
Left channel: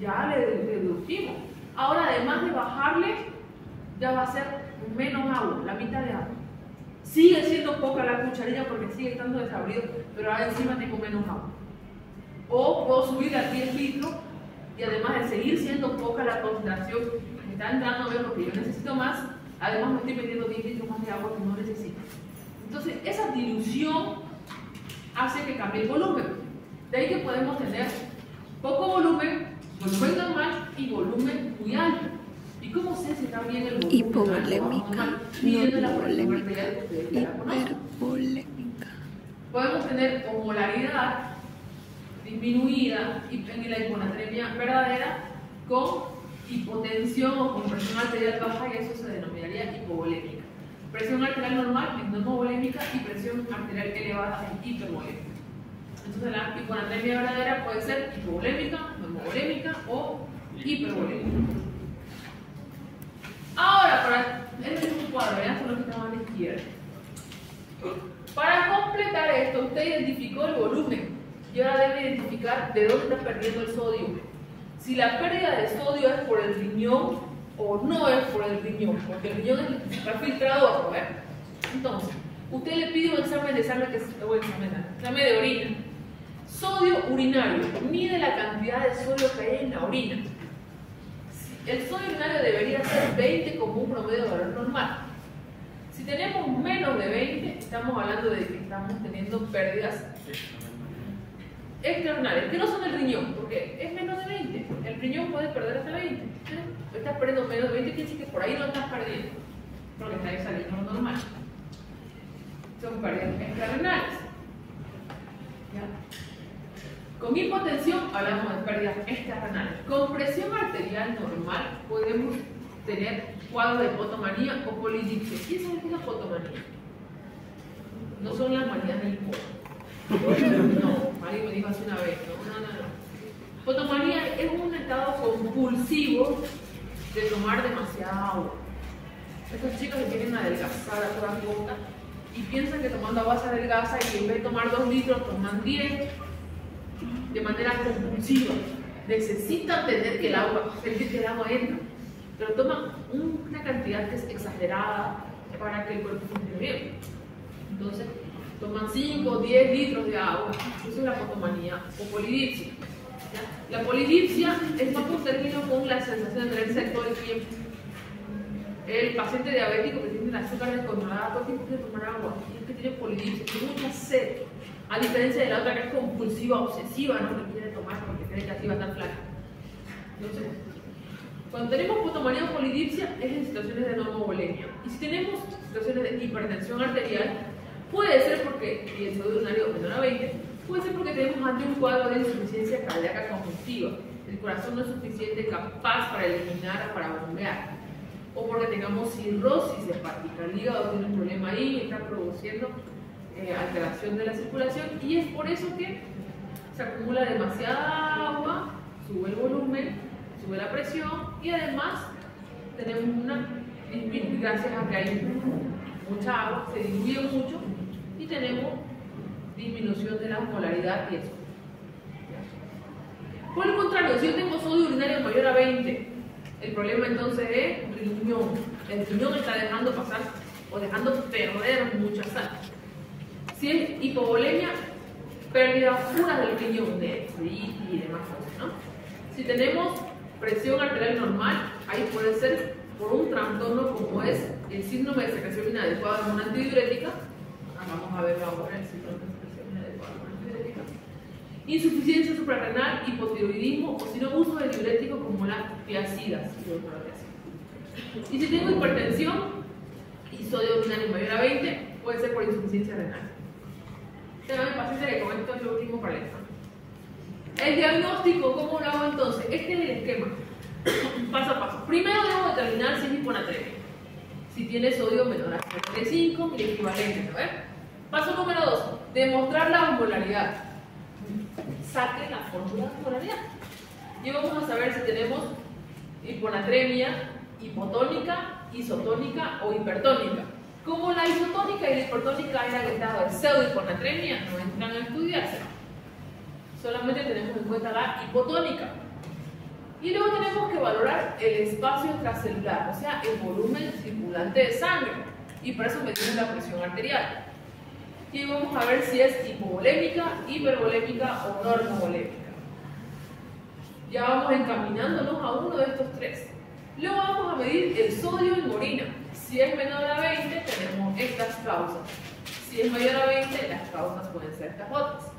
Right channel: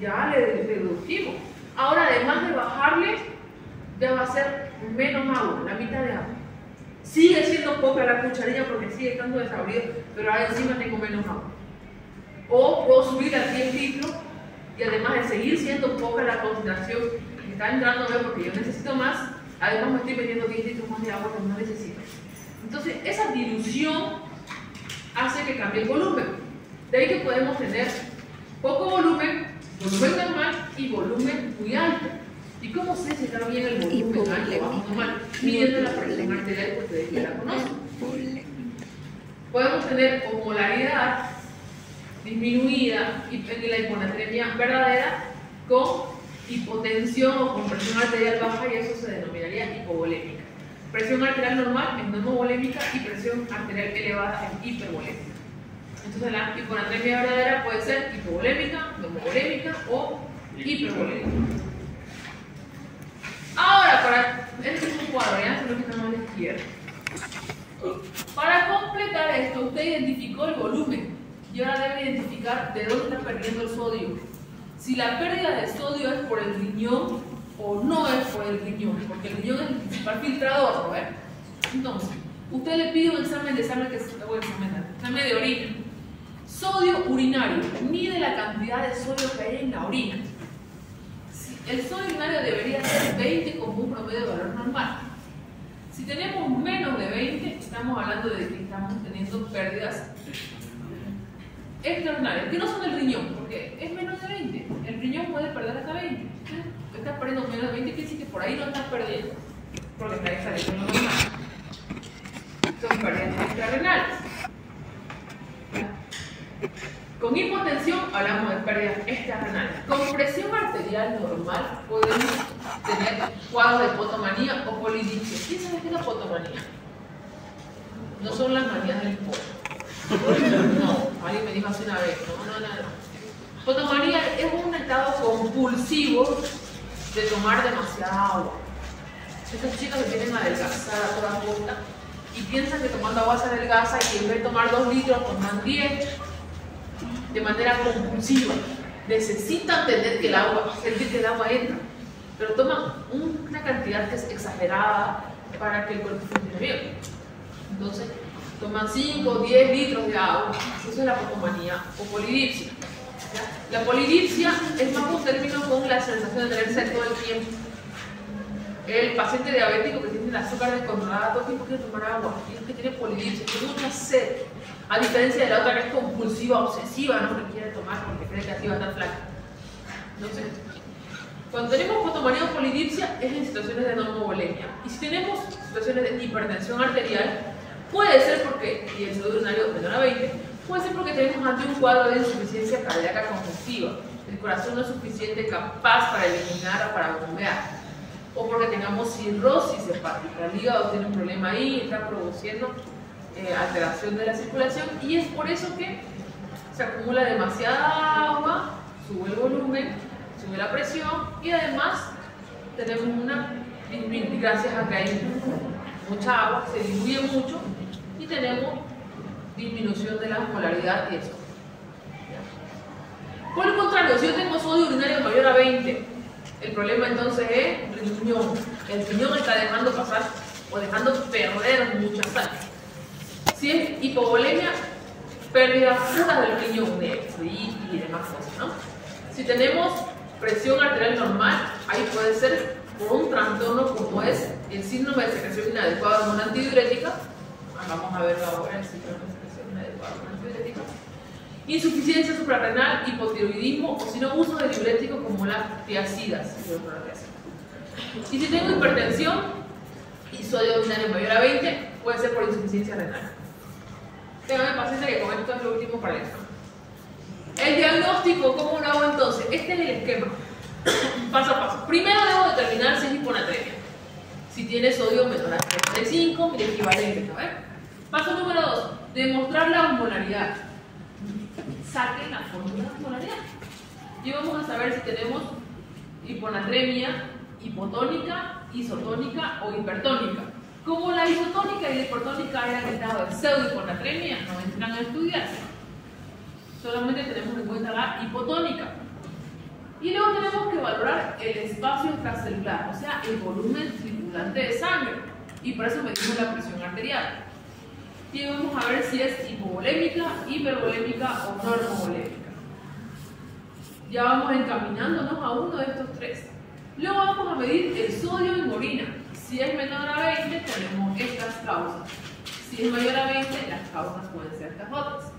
Ya le reducimos. Ahora, además de bajarle, ya va a ser menos agua, la mitad de agua. Sigue siendo poca la cucharilla porque sigue estando desabrido, pero ahora encima tengo menos agua. O puedo subir a 10 litros y además de seguir siendo poca la concentración que está entrando, porque yo necesito más, además me estoy metiendo 10 litros más de agua que no necesito. Entonces, esa dilución hace que cambie el volumen. De ahí que podemos tener poco volumen, volumen normal y volumen muy alto. ¿Y cómo sé si está bien el volumen alto o normal? Midiendo la presión arterial que ustedes ya la conocen. Podemos tener osmolaridad disminuida en la hiponatremia verdadera con hipotensión o con presión arterial baja, y eso se denominaría hipovolémica. Presión arterial normal es normovolémica y presión arterial elevada es hipervolémica. Entonces la hiponatremia verdadera puede ser hipovolémica, normovolémica o hipervolémica. Ahora, este es un cuadro, ya se lo que está a la izquierda. Para completar esto, usted identificó el volumen y ahora debe identificar de dónde está perdiendo el sodio. Si la pérdida de sodio es por el riñón o no es por el riñón, porque el riñón es el principal filtrador, ¿no ves? Entonces, usted le pide un examen de orina. Sodio urinario, mide la cantidad de sodio que hay en la orina. El sodio urinario debería ser 20 como un promedio de valor normal. Si tenemos menos de 20, estamos hablando de que estamos teniendo pérdidas extraordinarias, que no son del riñón, porque es menos de 20. El riñón puede perder hasta 20. Si estás perdiendo menos de 20, quiere decir que por ahí no estás perdiendo, porque está saliendo lo normal. Son pérdidas extrarrenales. Con hipotensión hablamos de pérdidas extrarrenales. Con presión arterial normal podemos tener cuadros de potomanía o polidipsia. ¿Quién sabe qué es la potomanía? No son las manías del poto. No, alguien me dijo hace una vez. No. Potomanía es un estado compulsivo de tomar demasiada agua. Estos chicos se quieren adelgazar a toda costa y piensan que tomando agua se adelgaza, y en vez de tomar 2 litros toman 10 de manera compulsiva. Necesitan sentir que el agua entra, pero toman una cantidad que es exagerada para que el cuerpo funcione bien. Entonces, toman 5 o 10 litros de agua. Eso es la potomanía o polidipsia. La polidipsia es más un término con la sensación de tener sed todo el tiempo. El paciente diabético que tiene el azúcar descontrolada todo el tiempo quiere tomar agua, y es que tiene polidipsia, tiene mucha sed, a diferencia de la otra que es compulsiva, obsesiva, no que quiere tomar porque cree que así va a estar flaca. Entonces, cuando tenemos potomanía o polidipsia es en situaciones de normovolemia, y si tenemos situaciones de hipertensión arterial, puede ser porque, y el sodio urinario menor a 20, puede ser porque tenemos ante un cuadro de insuficiencia cardíaca congestiva. El corazón no es suficiente capaz para eliminar o para bombear. O porque tengamos cirrosis hepática. El hígado tiene un problema ahí, está produciendo alteración de la circulación, y es por eso que se acumula demasiada agua, sube el volumen, sube la presión, y además tenemos gracias a que hay mucha agua, se diluye mucho y tenemos disminución de la osmolaridad y eso. Por el contrario, si yo tengo sodio urinario mayor a 20, el problema entonces es riñón. El riñón está dejando pasar o dejando perder mucha sangre. Si es hipovolemia, pérdida pura del riñón, de fluidos y demás cosas, ¿no? Si tenemos presión arterial normal, ahí puede ser por un trastorno como es el síndrome de secreción inadecuada de hormona antidiurética. Vamos a verlo ahora, el síndrome de secreción inadecuada de hormona antidiurética. Insuficiencia suprarrenal, hipotiroidismo o si no, uso de diuréticos como las tiazidas. Y si tengo hipertensión y sodio urinario mayor a 20, puede ser por insuficiencia renal. Téngame paciencia que con esto es lo último para el examen. El diagnóstico, ¿cómo lo hago entonces? Este es el esquema, paso a paso. Primero debo determinar si es hiponatremia, si tiene sodio menor a 35 miliequivalentes, ¿no? Paso número 2, demostrar la osmolaridad. Saquen la fórmula de osmolaridad. Y vamos a saber si tenemos hiponatremia, hipotónica, isotónica o hipertónica. Como la isotónica y la hipertónica hayan estado de pseudohiponatremia, no entran a estudiarse. Solamente tenemos en cuenta la hipotónica. Y luego tenemos que valorar el espacio extracelular, o sea, el volumen circulante de sangre. Y para eso medimos la presión arterial. Y vamos a ver si es hipovolémica, hipervolémica o normovolémica. Ya vamos encaminándonos a uno de estos tres. Luego vamos a medir el sodio en orina. Si es menor a 20, tenemos estas causas. Si es mayor a 20, las causas pueden ser estas otras.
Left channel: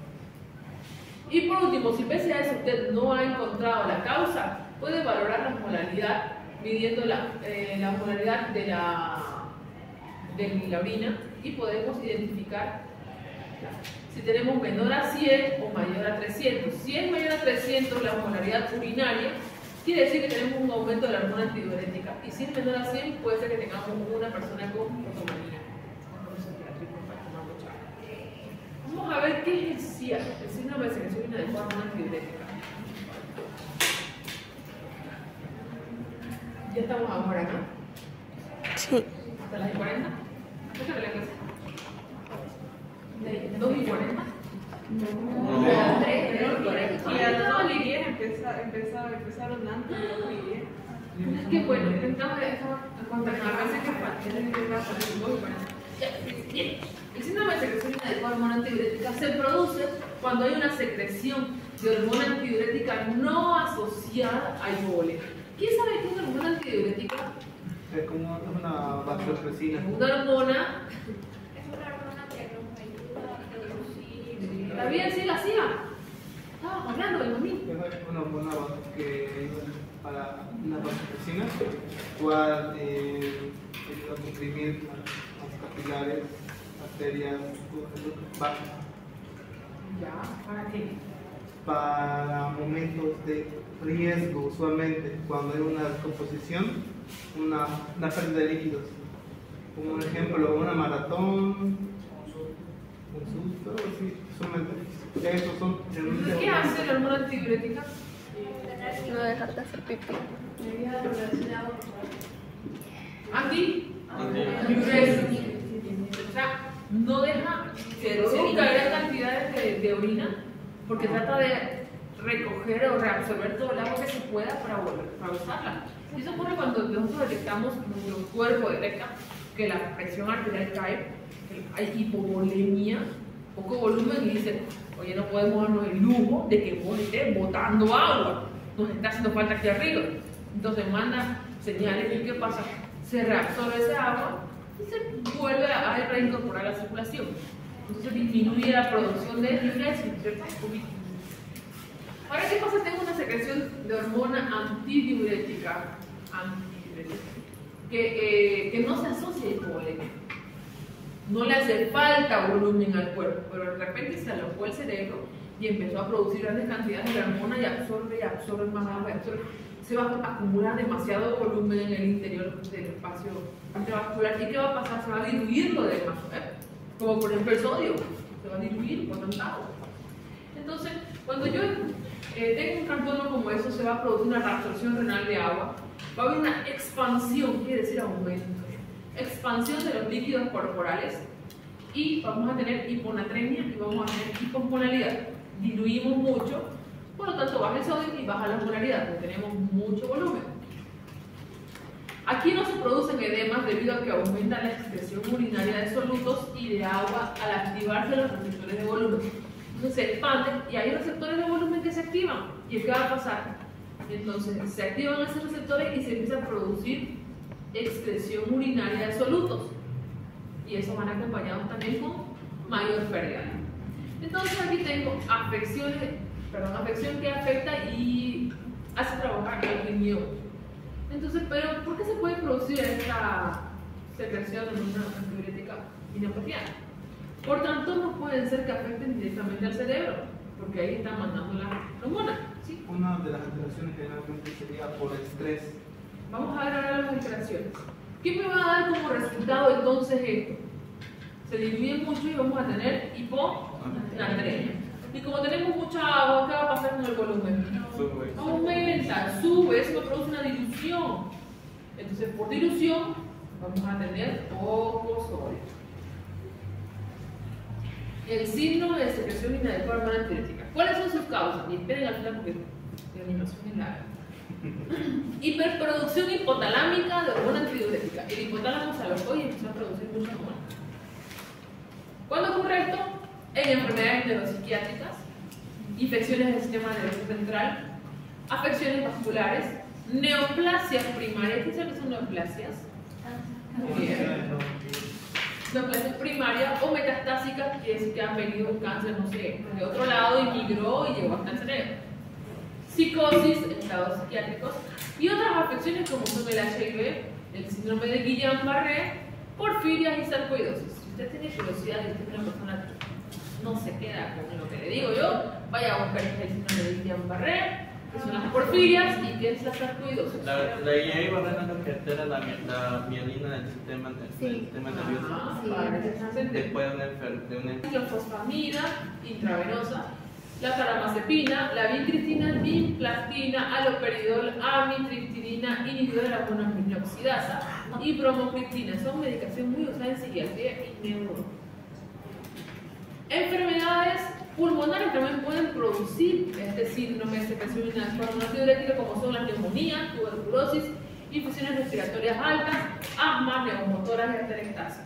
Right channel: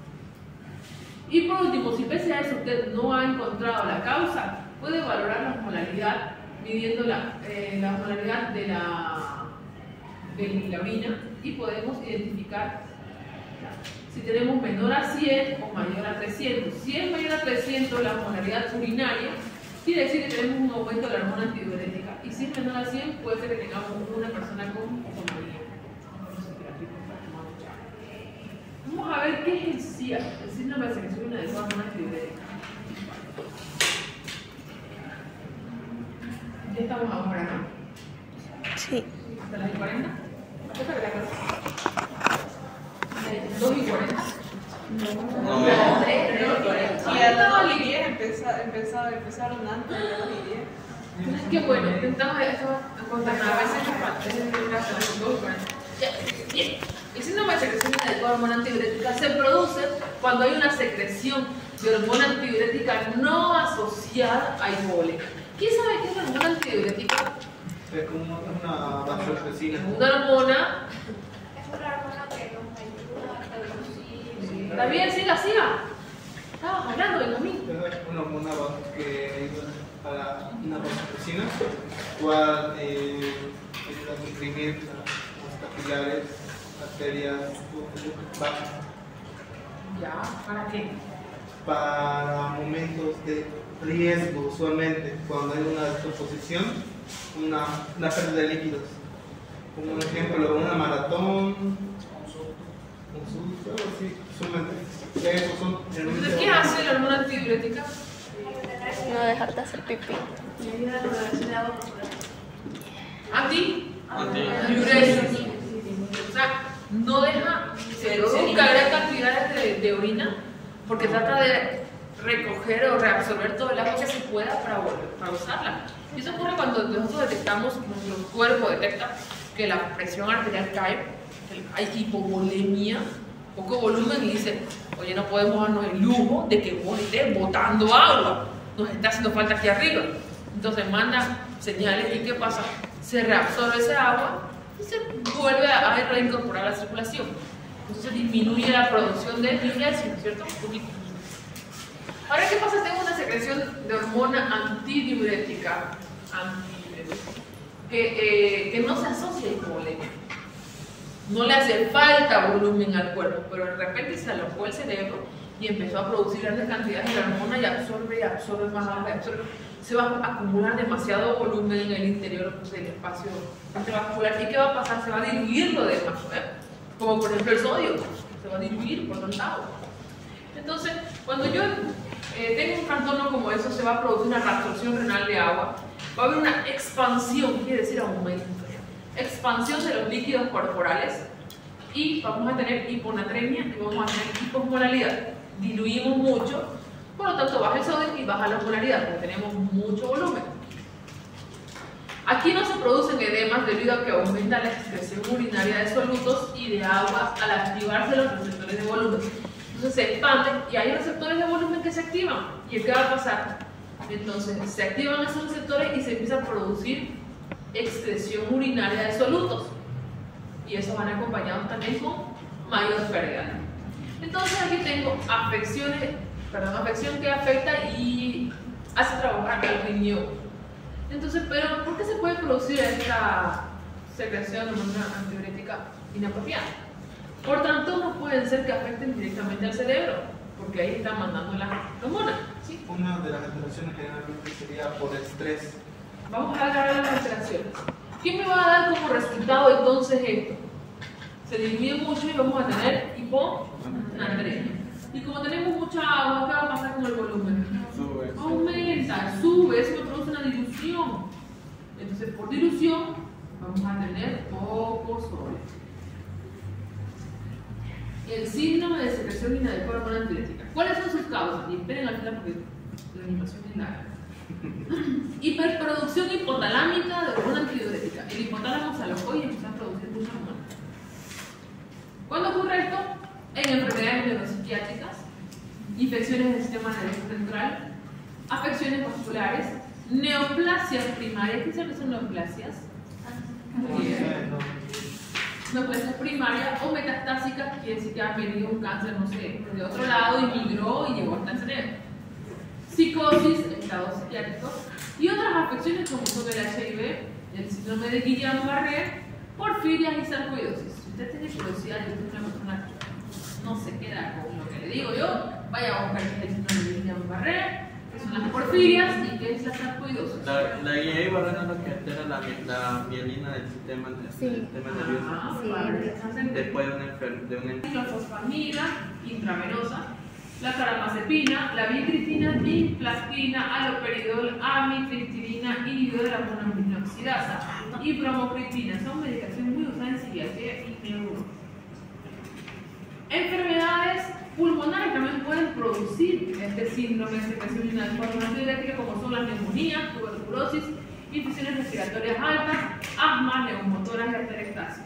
Y por último, si pese a eso usted no ha encontrado la causa, puede valorar la osmolaridad midiendo la osmolaridad de la orina y podemos identificar si tenemos menor a 100 o mayor a 300. Si es mayor a 300 la osmolaridad urinaria, quiere decir que tenemos un aumento de la hormona antidiurética. Y si es menor a 100, puede ser que tengamos una persona con otomanía. Vamos a ver qué es el SIA, el síndrome de secreción inadecuada de hormona antidiurética. Ya estamos ahora, ¿no? Sí. ¿Hasta las 40? ¿Hasta de la clase? ¿2:40? No. Y a las 10 empezaron antes de las 10. Qué bueno, intentamos contar a veces que falta, a veces que hasta las 2:40. Bien. El síndrome de secreción inadecuada de hormona antidiurética se produce cuando hay una secreción de hormona antidiurética no asociada a hipovolemia. ¿Quién sabe qué es la hormona antidiurética? Es como una vasopresina. Una hormona. Es una hormona que nos ayuda a reducir. ¿Está bien? Siga. Estabas hablando de lo mismo. Es una hormona que ayuda para una vasopresina, cual ayuda a comprimir las capilares, arterias, bajas. Ya, ¿para qué? Para momentos de riesgo, usualmente cuando hay una descomposición, una pérdida de líquidos. Como un ejemplo, una maratón, un susto, algo así, usualmente. Esos son Entonces, ¿qué hace la hormona antidiurética? No dejar de hacer pipí. Antidiuresis. O sea, no deja, se reduce gran cantidad de orina porque trata de recoger o reabsorber todo el agua que se pueda para usarla. Y eso ocurre cuando nosotros detectamos, nuestro cuerpo detecta que la presión arterial cae, que hay hipovolemia, poco volumen, y dice, oye, no podemos darnos el lujo de que vos estés botando agua, nos está haciendo falta aquí arriba. Entonces manda señales y ¿qué pasa? Se reabsorbe ese agua y se vuelve a reincorporar a la circulación. Entonces disminuye la producción de diuresis, ¿no es cierto? Un poquito. Ahora, ¿qué pasa? Tengo una secreción de hormona antidiurética, que no se asocia a hipovolemia. No le hace falta volumen al cuerpo, pero de repente se alojó el cerebro y empezó a producir grandes cantidades de la hormona y absorbe más agua, se va a acumular demasiado volumen en el interior del espacio intravascular. ¿Y qué va a pasar? Se va a diluir lo demás, como por ejemplo el sodio, se va a diluir por tanta agua. Entonces, cuando yo tengo un trastorno como eso, se va a producir una reabsorción renal de agua, va a haber una expansión, quiere decir aumento, expansión de los líquidos corporales, y vamos a tener hiponatremia y vamos a tener hiposmolalidad. Diluimos mucho, Por lo tanto, baja el sodio y baja la osmolaridad, porque tenemos mucho volumen. Aquí no se producen edemas debido a que aumenta la excreción urinaria de solutos y de agua al activarse los receptores de volumen. Entonces se expanden y hay receptores de volumen que se activan. ¿Y qué va a pasar? Entonces se activan esos receptores y se empieza a producir excreción urinaria de solutos. Y esos van acompañados también con mayor pérdida. Entonces aquí tengo afección que afecta y hace trabajar al riñón. Entonces, pero ¿por qué se puede producir esta secreción de hormona antidiurética inapropiada? Por tanto, no pueden ser que afecten directamente al cerebro, porque ahí están mandando la hormona. ¿Sí? Una de las alteraciones generalmente sería por estrés. Vamos a ver ahora las alteraciones. ¿Qué me va a dar como resultado entonces esto? Se diluye mucho y vamos a tener hiponatremia. Y como tenemos mucha agua, ¿qué va a pasar con el volumen? Sube. Aumenta, sube, eso me produce una dilución. Entonces, por dilución, vamos a tener poco sodio. El síndrome de secreción inadecuada de hormona antidiurética. ¿Cuáles son sus causas? Y esperen al final porque la animación es larga. Hiperproducción hipotalámica de hormona antidiurética. El hipotálamo se alocó y empezó a producir mucha hormona. ¿Cuándo ocurre esto? En enfermedades neuropsiquiátricas, infecciones del sistema nervioso central, afecciones vasculares, neoplasias primarias. ¿Qué son neoplasias? Neoplasias primarias o metastásicas, quiere decir que ha venido un cáncer, no sé, de otro lado y migró y llegó hasta el cerebro. Psicosis, estados psiquiátricos y otras afecciones como son el HIV, el síndrome de Guillain-Barré, porfirias y sarcoidosis. Si usted tiene curiosidad y usted es una persona que no se queda con lo que le digo yo, vaya a buscar el síndrome de Guillain-Barré, que son las porfirias y que es la sarcoidosis. La Guillain-Barré es lo que altera la mielina del sistema nervioso. Vale. Después de una Ciclofosfamida intravenosa, la caramazepina, la vincristina, vinplastina, aloperidol, amitriptilina, inhibidor de la monoaminoxidasa y bromocriptina. Son medicaciones muy usadas en psiquiatría y neuro. Enfermedades pulmonares también pueden producir este síndrome de secreción inadecuada de hormona antidiurética, como son la neumonía, tuberculosis, infecciones respiratorias altas, asma, neumotoras y atelectasis.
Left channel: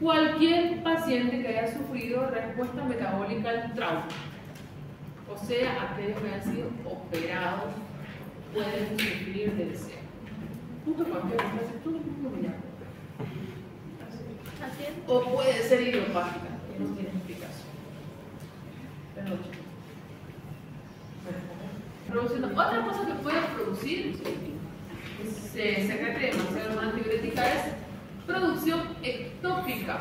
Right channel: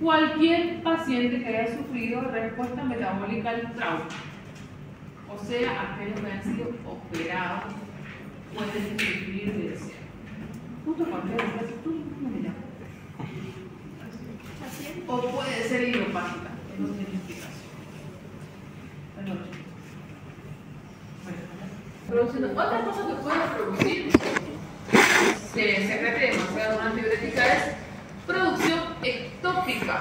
Cualquier paciente que haya sufrido respuesta metabólica al trauma, o sea, aquellos que han sido operados, pueden sufrir de deseo. Justo cuando tú mismo me llamas. Así es. O puede ser idiopática, no tiene explicación. Perdón. Produciendo. Otra cosa que puede producir se secrete demasiado hormona antidiurética es producción ectópica,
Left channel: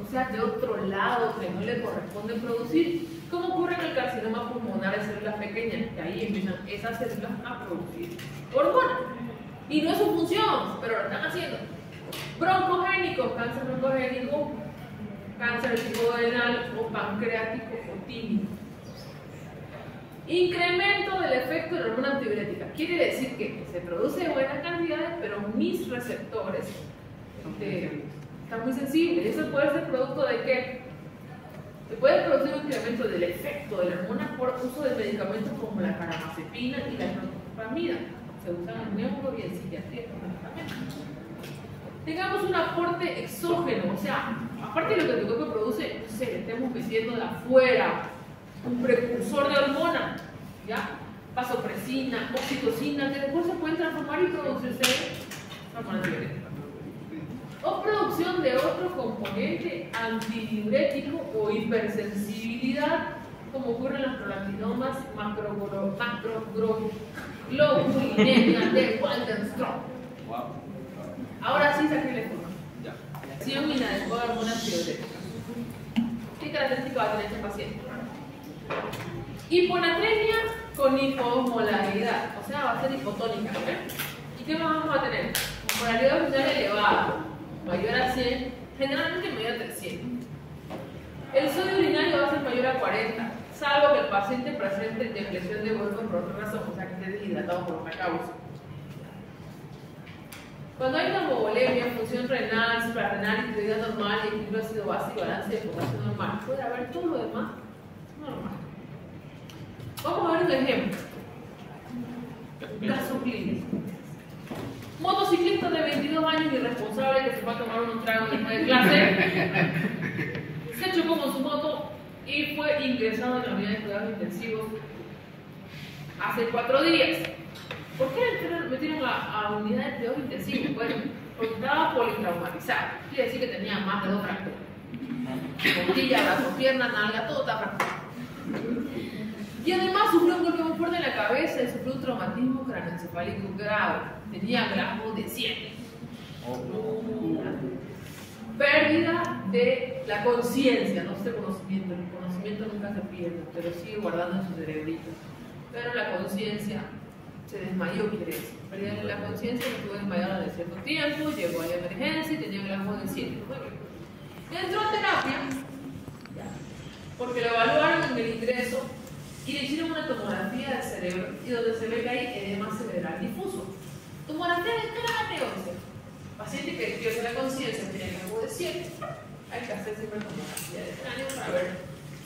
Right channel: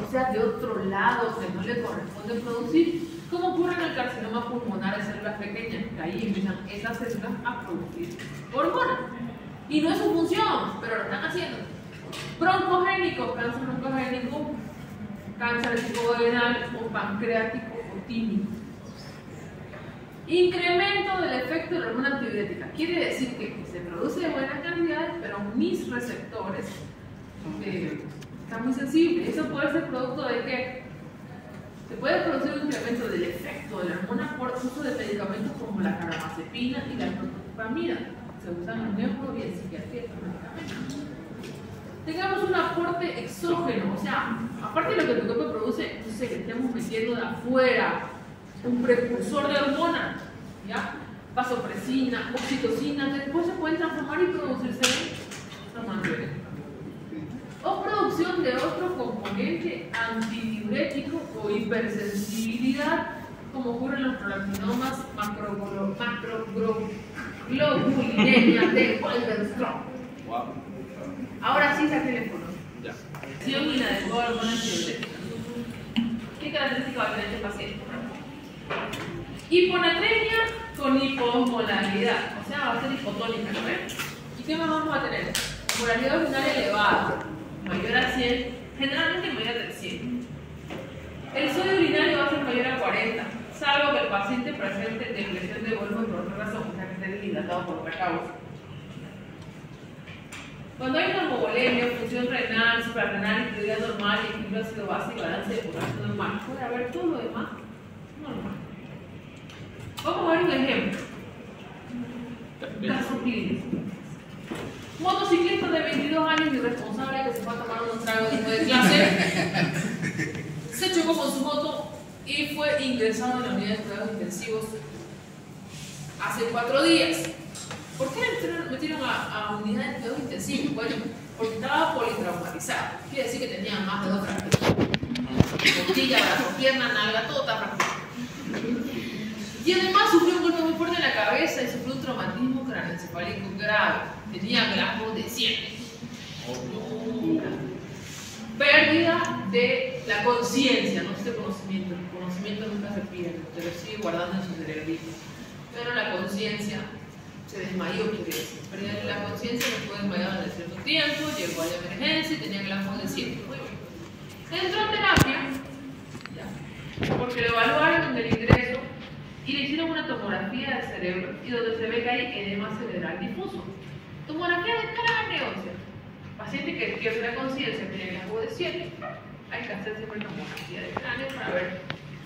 o sea, de otro lado que no le corresponde producir, como ocurre en el carcinoma pulmonar de células pequeñas, que ahí empiezan esas células a producir hormonas. Y no es su función, pero lo están haciendo. Broncogénico, cáncer broncogénico, cáncer de tipo renal o pancreático o tímico. Incremento del efecto de la hormona antidiurética. Quiere decir que se produce de buenas cantidades, pero mis receptores están muy sensibles. Eso puede ser producto de que se puede producir un incremento del efecto de la hormona por uso de medicamentos como la caramazepina y la clorfenamida. Se usan en neuro y en psiquiatría estos medicamentos. Tengamos un aporte exógeno, o sea, aparte de lo que tu cuerpo produce, no sé, que estemos metiendo de afuera un precursor de hormona, ¿ya? Vasopresina, oxitocina, que después se pueden transformar y producirse en hormona antidiurética. O producción de otro componente antidiurético o hipersensibilidad, como ocurre en los prolactinomas macroglobulinemia de Waldenström. Wow. Ahora sí saqué el teléfono. Ya. Acción inadecuada de hormona antidiurética. ¿Qué característica va a tener este paciente? Hiponatremia con hiposmolaridad, o sea, va a ser hipotónica, ¿no ven? ¿Y qué más vamos a tener? Osmolaridad urinaria elevada, mayor a 100, generalmente mayor al 100. El sodio urinario va a ser mayor a 40, salvo que el paciente presente depresión de volumen por otra razón, o sea, que esté deshidratado por otra causa. Cuando hay normovolemia, función renal, suprarrenal, actividad normal, equilibrio ácido base y balance de potasio normal, puede haber todo lo demás normal. Vamos a ver un ejemplo. Caso clínico. Motociclista de 22 años irresponsable que se fue a tomar un trago después de clase, se chocó con su moto y fue ingresado en la unidad de cuidados intensivos hace 4 días. ¿Por qué le metieron a unidad de cuidados intensivos? Bueno, porque estaba politraumatizado. Quiere decir que tenía más de 2 fracturas. Costilla, brazo, pierna, nalga, todo está fracturado. Y además sufrió un golpe muy fuerte en la cabeza y sufrió un traumatismo craneoencefálico grave. Tenía glajos de 7. Pérdida de la conciencia, no sé conocimiento. El conocimiento nunca se pierde, te lo sigue guardando en su cerebrito. Pero la conciencia se desmayó, quiere decir. Pérdida de la conciencia, no estuvo desmayada en cierto tiempo, llegó a la emergencia y tenía glajos de 7. Entró en terapia, porque lo evaluaron en el ingreso y le hicieron una tomografía del cerebro y donde se ve que hay edema cerebral difuso. Tomografía de cráneo. Paciente que pierde la conciencia, tiene glajos de 7, hay que hacer siempre tomografía de cráneo para ver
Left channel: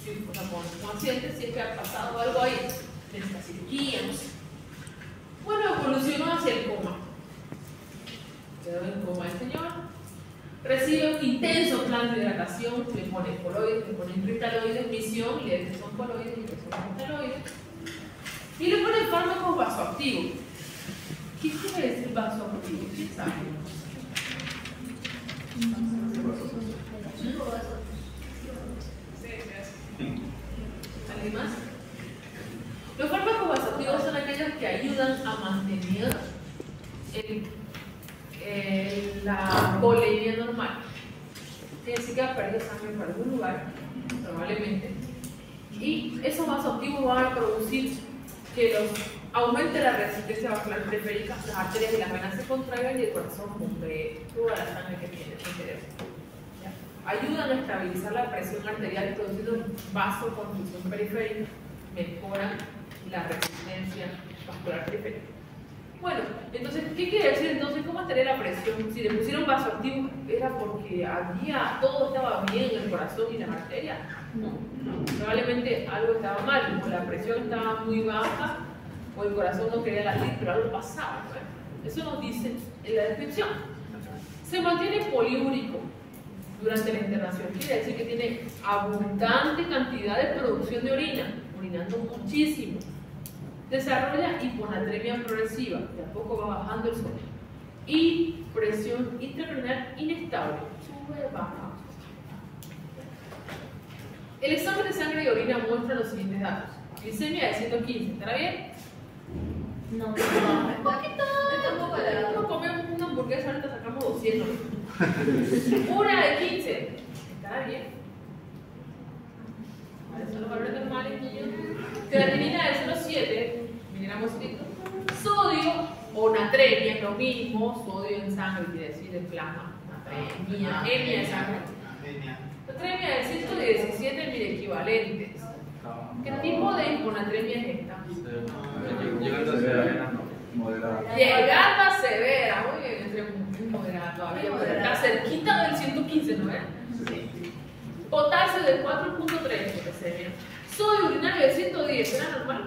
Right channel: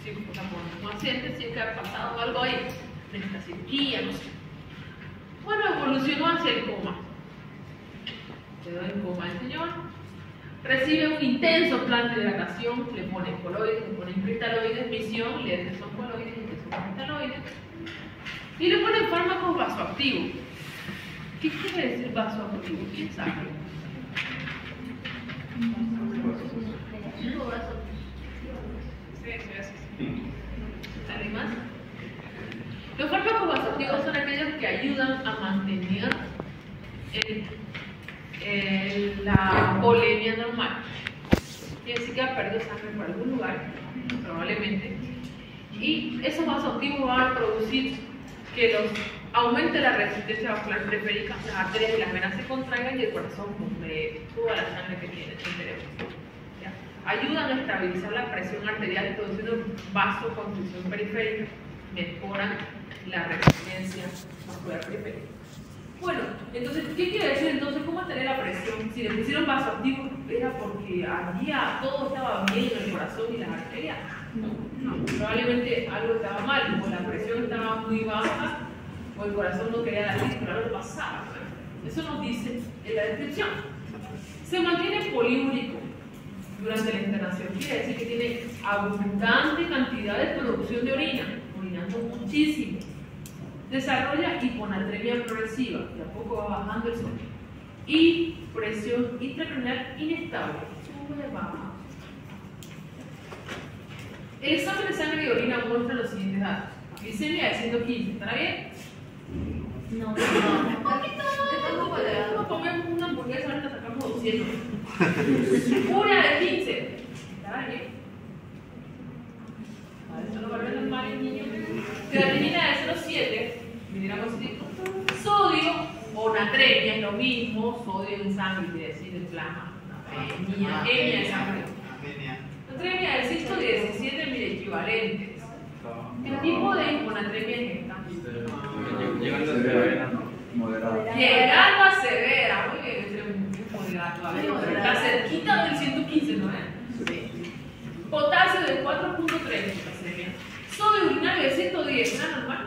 si con paciente si es que ha pasado algo ahí, necesita cirugía, no sé. Bueno, evolucionó hacia el coma. Quedó en coma el señor. Recibe un intenso plan de hidratación, le ponen coloides, le ponen cristaloides, misión, le son coloides y son cristaloides. Y le ponen fármacos vasoactivos. ¿Qué quiere decir vasoactivo? ¿Quién sabe? ¿Alguien más? Los fármacos vasoactivos son aquellos que ayudan a mantener la volemia normal. Quiere decir que ha perdido sangre por algún lugar, probablemente. Y esos vasoactivos van a producir que aumente la resistencia vascular periférica, las arterias y las venas se contraigan y el corazón bombee toda la sangre que tiene en el cerebro. Ayudan a estabilizar la presión arterial, produciendo vasoconstricción periférica, mejoran la resistencia vascular periférica. Bueno, entonces, ¿qué quiere decir entonces? ¿Cómo mantener la presión? Si le pusieron vasoactivo, ¿era porque todo estaba bien en el corazón y las arterias? No, probablemente algo estaba mal, como la presión estaba muy baja o el corazón no quería latir, pero algo pasaba, ¿no? Eso nos dice en la descripción. Se mantiene poliúrico durante la internación, quiere decir que tiene abundante cantidad de producción de orina, orinando muchísimo. Desarrolla hiponatremia progresiva, de a poco va bajando el sodio. Y presión intracraneal inestable, sube, baja. El examen de sangre y orina muestra los siguientes datos. Glicemia de 115, ¿estará bien? No, Un poquito. No comemos una hamburguesa, ahorita sacamos 200. Una de 15, ¿estará bien? Eso no va a ver normal, niños. Creatinina de 0,7, mineramos sodio o natremia, es lo mismo, sodio en sangre quiere decir en plasma, natremia, anemia en sangre. Natremia de 117 milequivalentes. ¿Qué tipo de hiponatremia es esta? Llegando a severa, ¿no? Moderada. Llegando a severa, muy bien, estoy moderada todavía, pero está cerquita del 115, ¿no es? Sí. Potasio de 4.3, potasemia. Sodio urinario de 110, ¿era normal?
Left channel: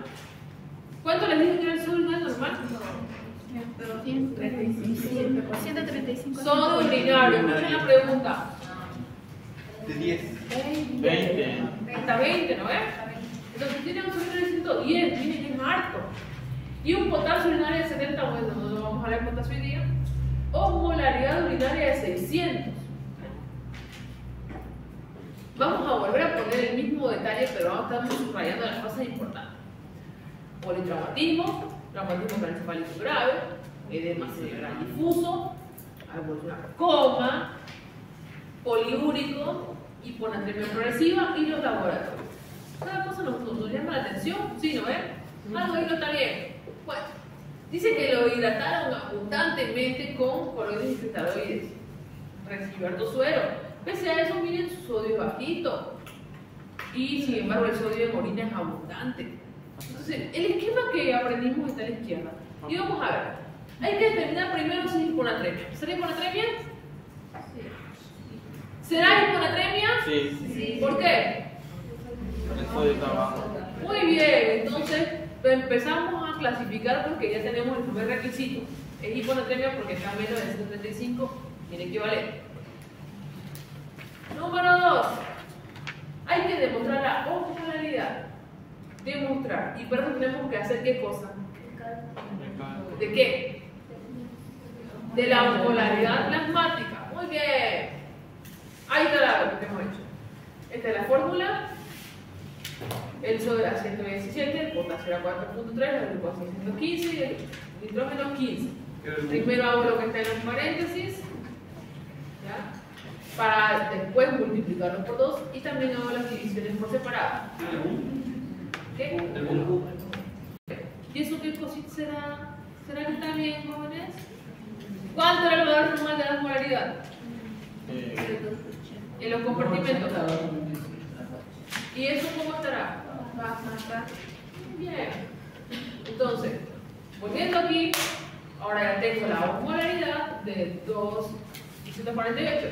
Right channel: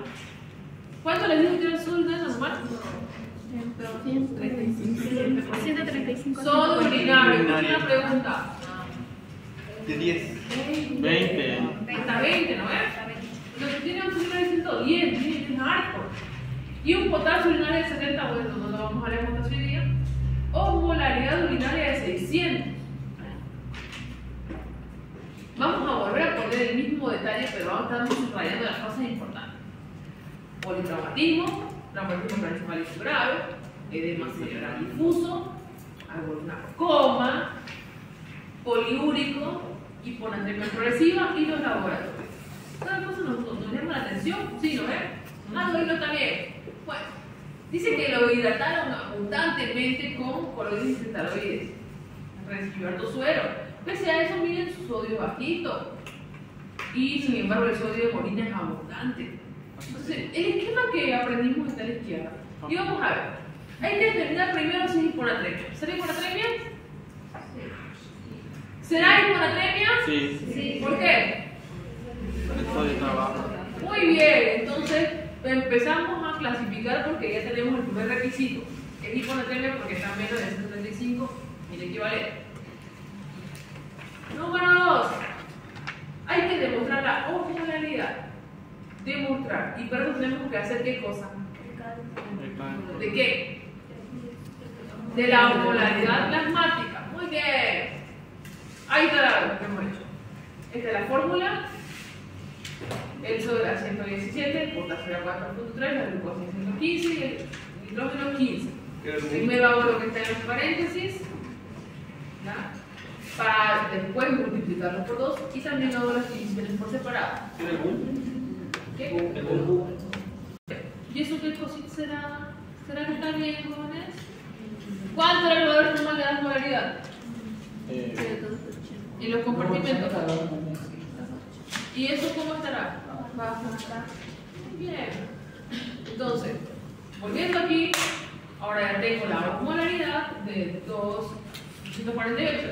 ¿Cuánto les dije que era el sodio urinario normal? 135. Sodio urinario, una pregunta. De 10. 20. Hasta 20, ¿no ves? Entonces tiene un sodio urinario de 110, tiene harto. Y un potasio urinario de 70, bueno, no lo vamos a hablar de potasio hoy día. O molaridad urinaria de 600. Vamos a volver a poner el mismo detalle, pero vamos a estar subrayando las cosas importantes. Politraumatismo, traumatismo craneoencefálico grave, edema cerebral difuso, alguna coma, poliúrico, hiponatremia progresiva y los laboratorios. Cada cosa nos llama la atención, ¿sí? ¿No ven? Algo ahí no está bien. Bueno, dice que lo hidrataron abundantemente con coloides y cristaloides. Recibió harto suero. Pese a eso, miren, su sodio es bajito. Y sin embargo, el sodio en orina es abundante. Entonces, el esquema que aprendimos está a la izquierda. Y vamos a ver. Hay que determinar primero si es hiponatremia. ¿Será hiponatremia? ¿Será hiponatremia? Sí. ¿Por qué? El sodio está bajo. Muy bien, entonces empezamos a clasificar porque ya tenemos el primer requisito. Es hiponatremia porque está menos de 135 en equivalente. Número 2. Hay que demostrar la osmolaridad. Demostrar. Y para eso tenemos que hacer ¿qué cosa? ¿De qué? De la osmolaridad plasmática. Muy bien. Ahí está lo que hemos hecho. Esta es la fórmula. El sodio era 117, el potasio era 4.3, la glucosa 115 y el nitrógeno 15. Primero hago lo que está en los paréntesis, ¿ya? Para después multiplicarlo por 2 y también hago las divisiones por separado. ¿Qué? ¿Y eso qué cosita será? ¿Será que está bien, jóvenes? ¿Cuánto era el valor normal de la osmolaridad? En los compartimentos. ¿Y eso cómo estará? Muy bien. Entonces, volviendo aquí, ahora ya tengo la osmolaridad de 248.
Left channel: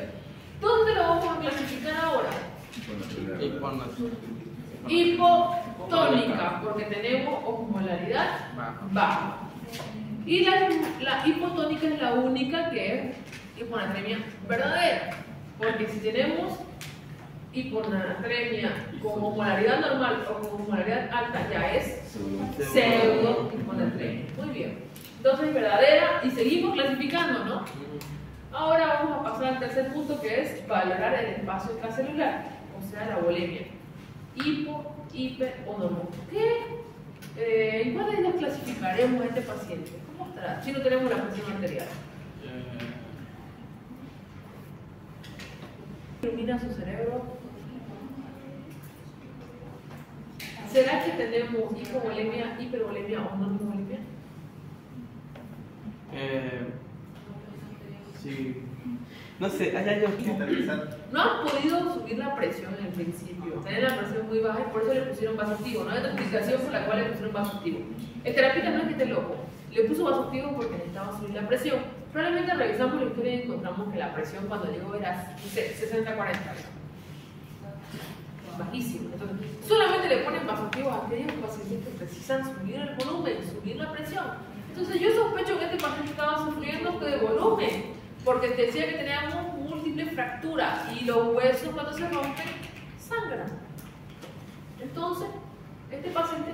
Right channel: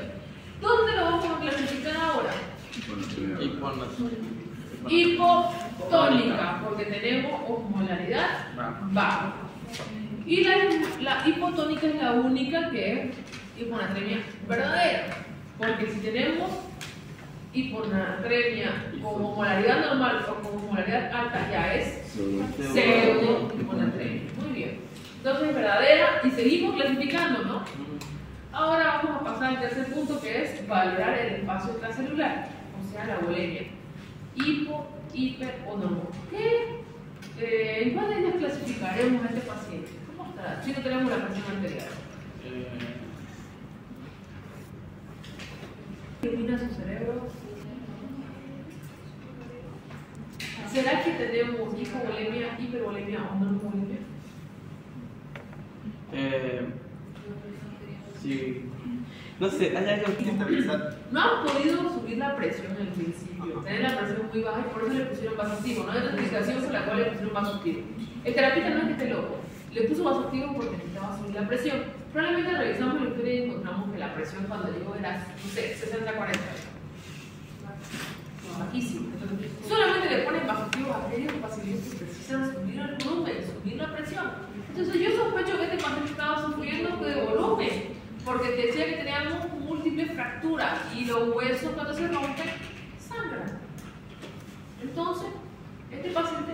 ¿Dónde lo vamos a clasificar ahora? Hipotónica, porque tenemos osmolaridad baja. Y la hipotónica es la única que es hiponatremia verdadera, porque si tenemos hiponatremia como osmolaridad normal o como osmolaridad alta ya es pseudo hiponatremia. Muy bien. Entonces es verdadera y seguimos clasificando, ¿no? Ahora vamos a pasar al tercer punto que es valorar el espacio extracelular, o sea la volemia. Hipo, hiper o normal. ¿Qué? ¿En cuál de ellas clasificaremos a este paciente? ¿Cómo estará? Si no tenemos la presión arterial. Ilumina su cerebro. ¿Será que tenemos hipovolemia, hipervolemia o normovolemia? Sí. No sé, hay algo que No han podido subir la presión en el principio, tener la presión muy baja y por eso le pusieron vasoactivo. No hay otra explicación por la cual le pusieron vasoactivo. El terapeuta no es que esté loco, le puso vasoactivo porque necesitaba subir la presión. Probablemente revisamos la historia y encontramos que la presión cuando llegó era 60-40. Bajísimo. Entonces, solamente le ponen vasoactivos a aquellos pacientes que precisan subir el volumen, subir la presión. Entonces yo sospecho que este paciente estaba sufriendo de volumen, porque te decía que teníamos múltiples fracturas y los huesos cuando se rompen sangran. Entonces, este paciente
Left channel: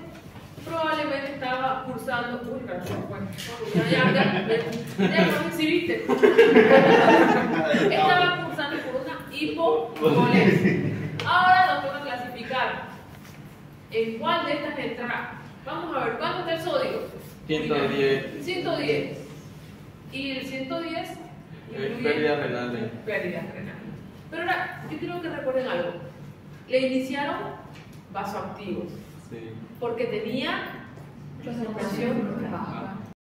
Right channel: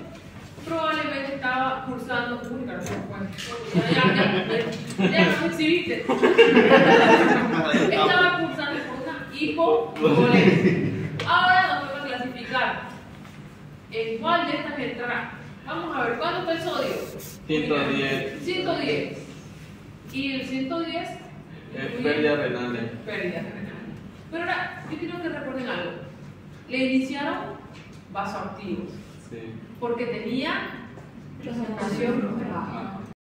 probablemente estaba cursando. Uy, claro, ya nos exhibiste. Estaba cursando por una hipovolemia. Ahora nos vamos a clasificar en cuál de estas entrará. Vamos a ver, ¿cuánto está el sodio? 110. 110. Y el 110 Pérdidas renales. Pérdidas renales. Pero ahora, yo quiero que recuerden algo. Le iniciaron vasoactivos. Sí. Porque tenía presión baja.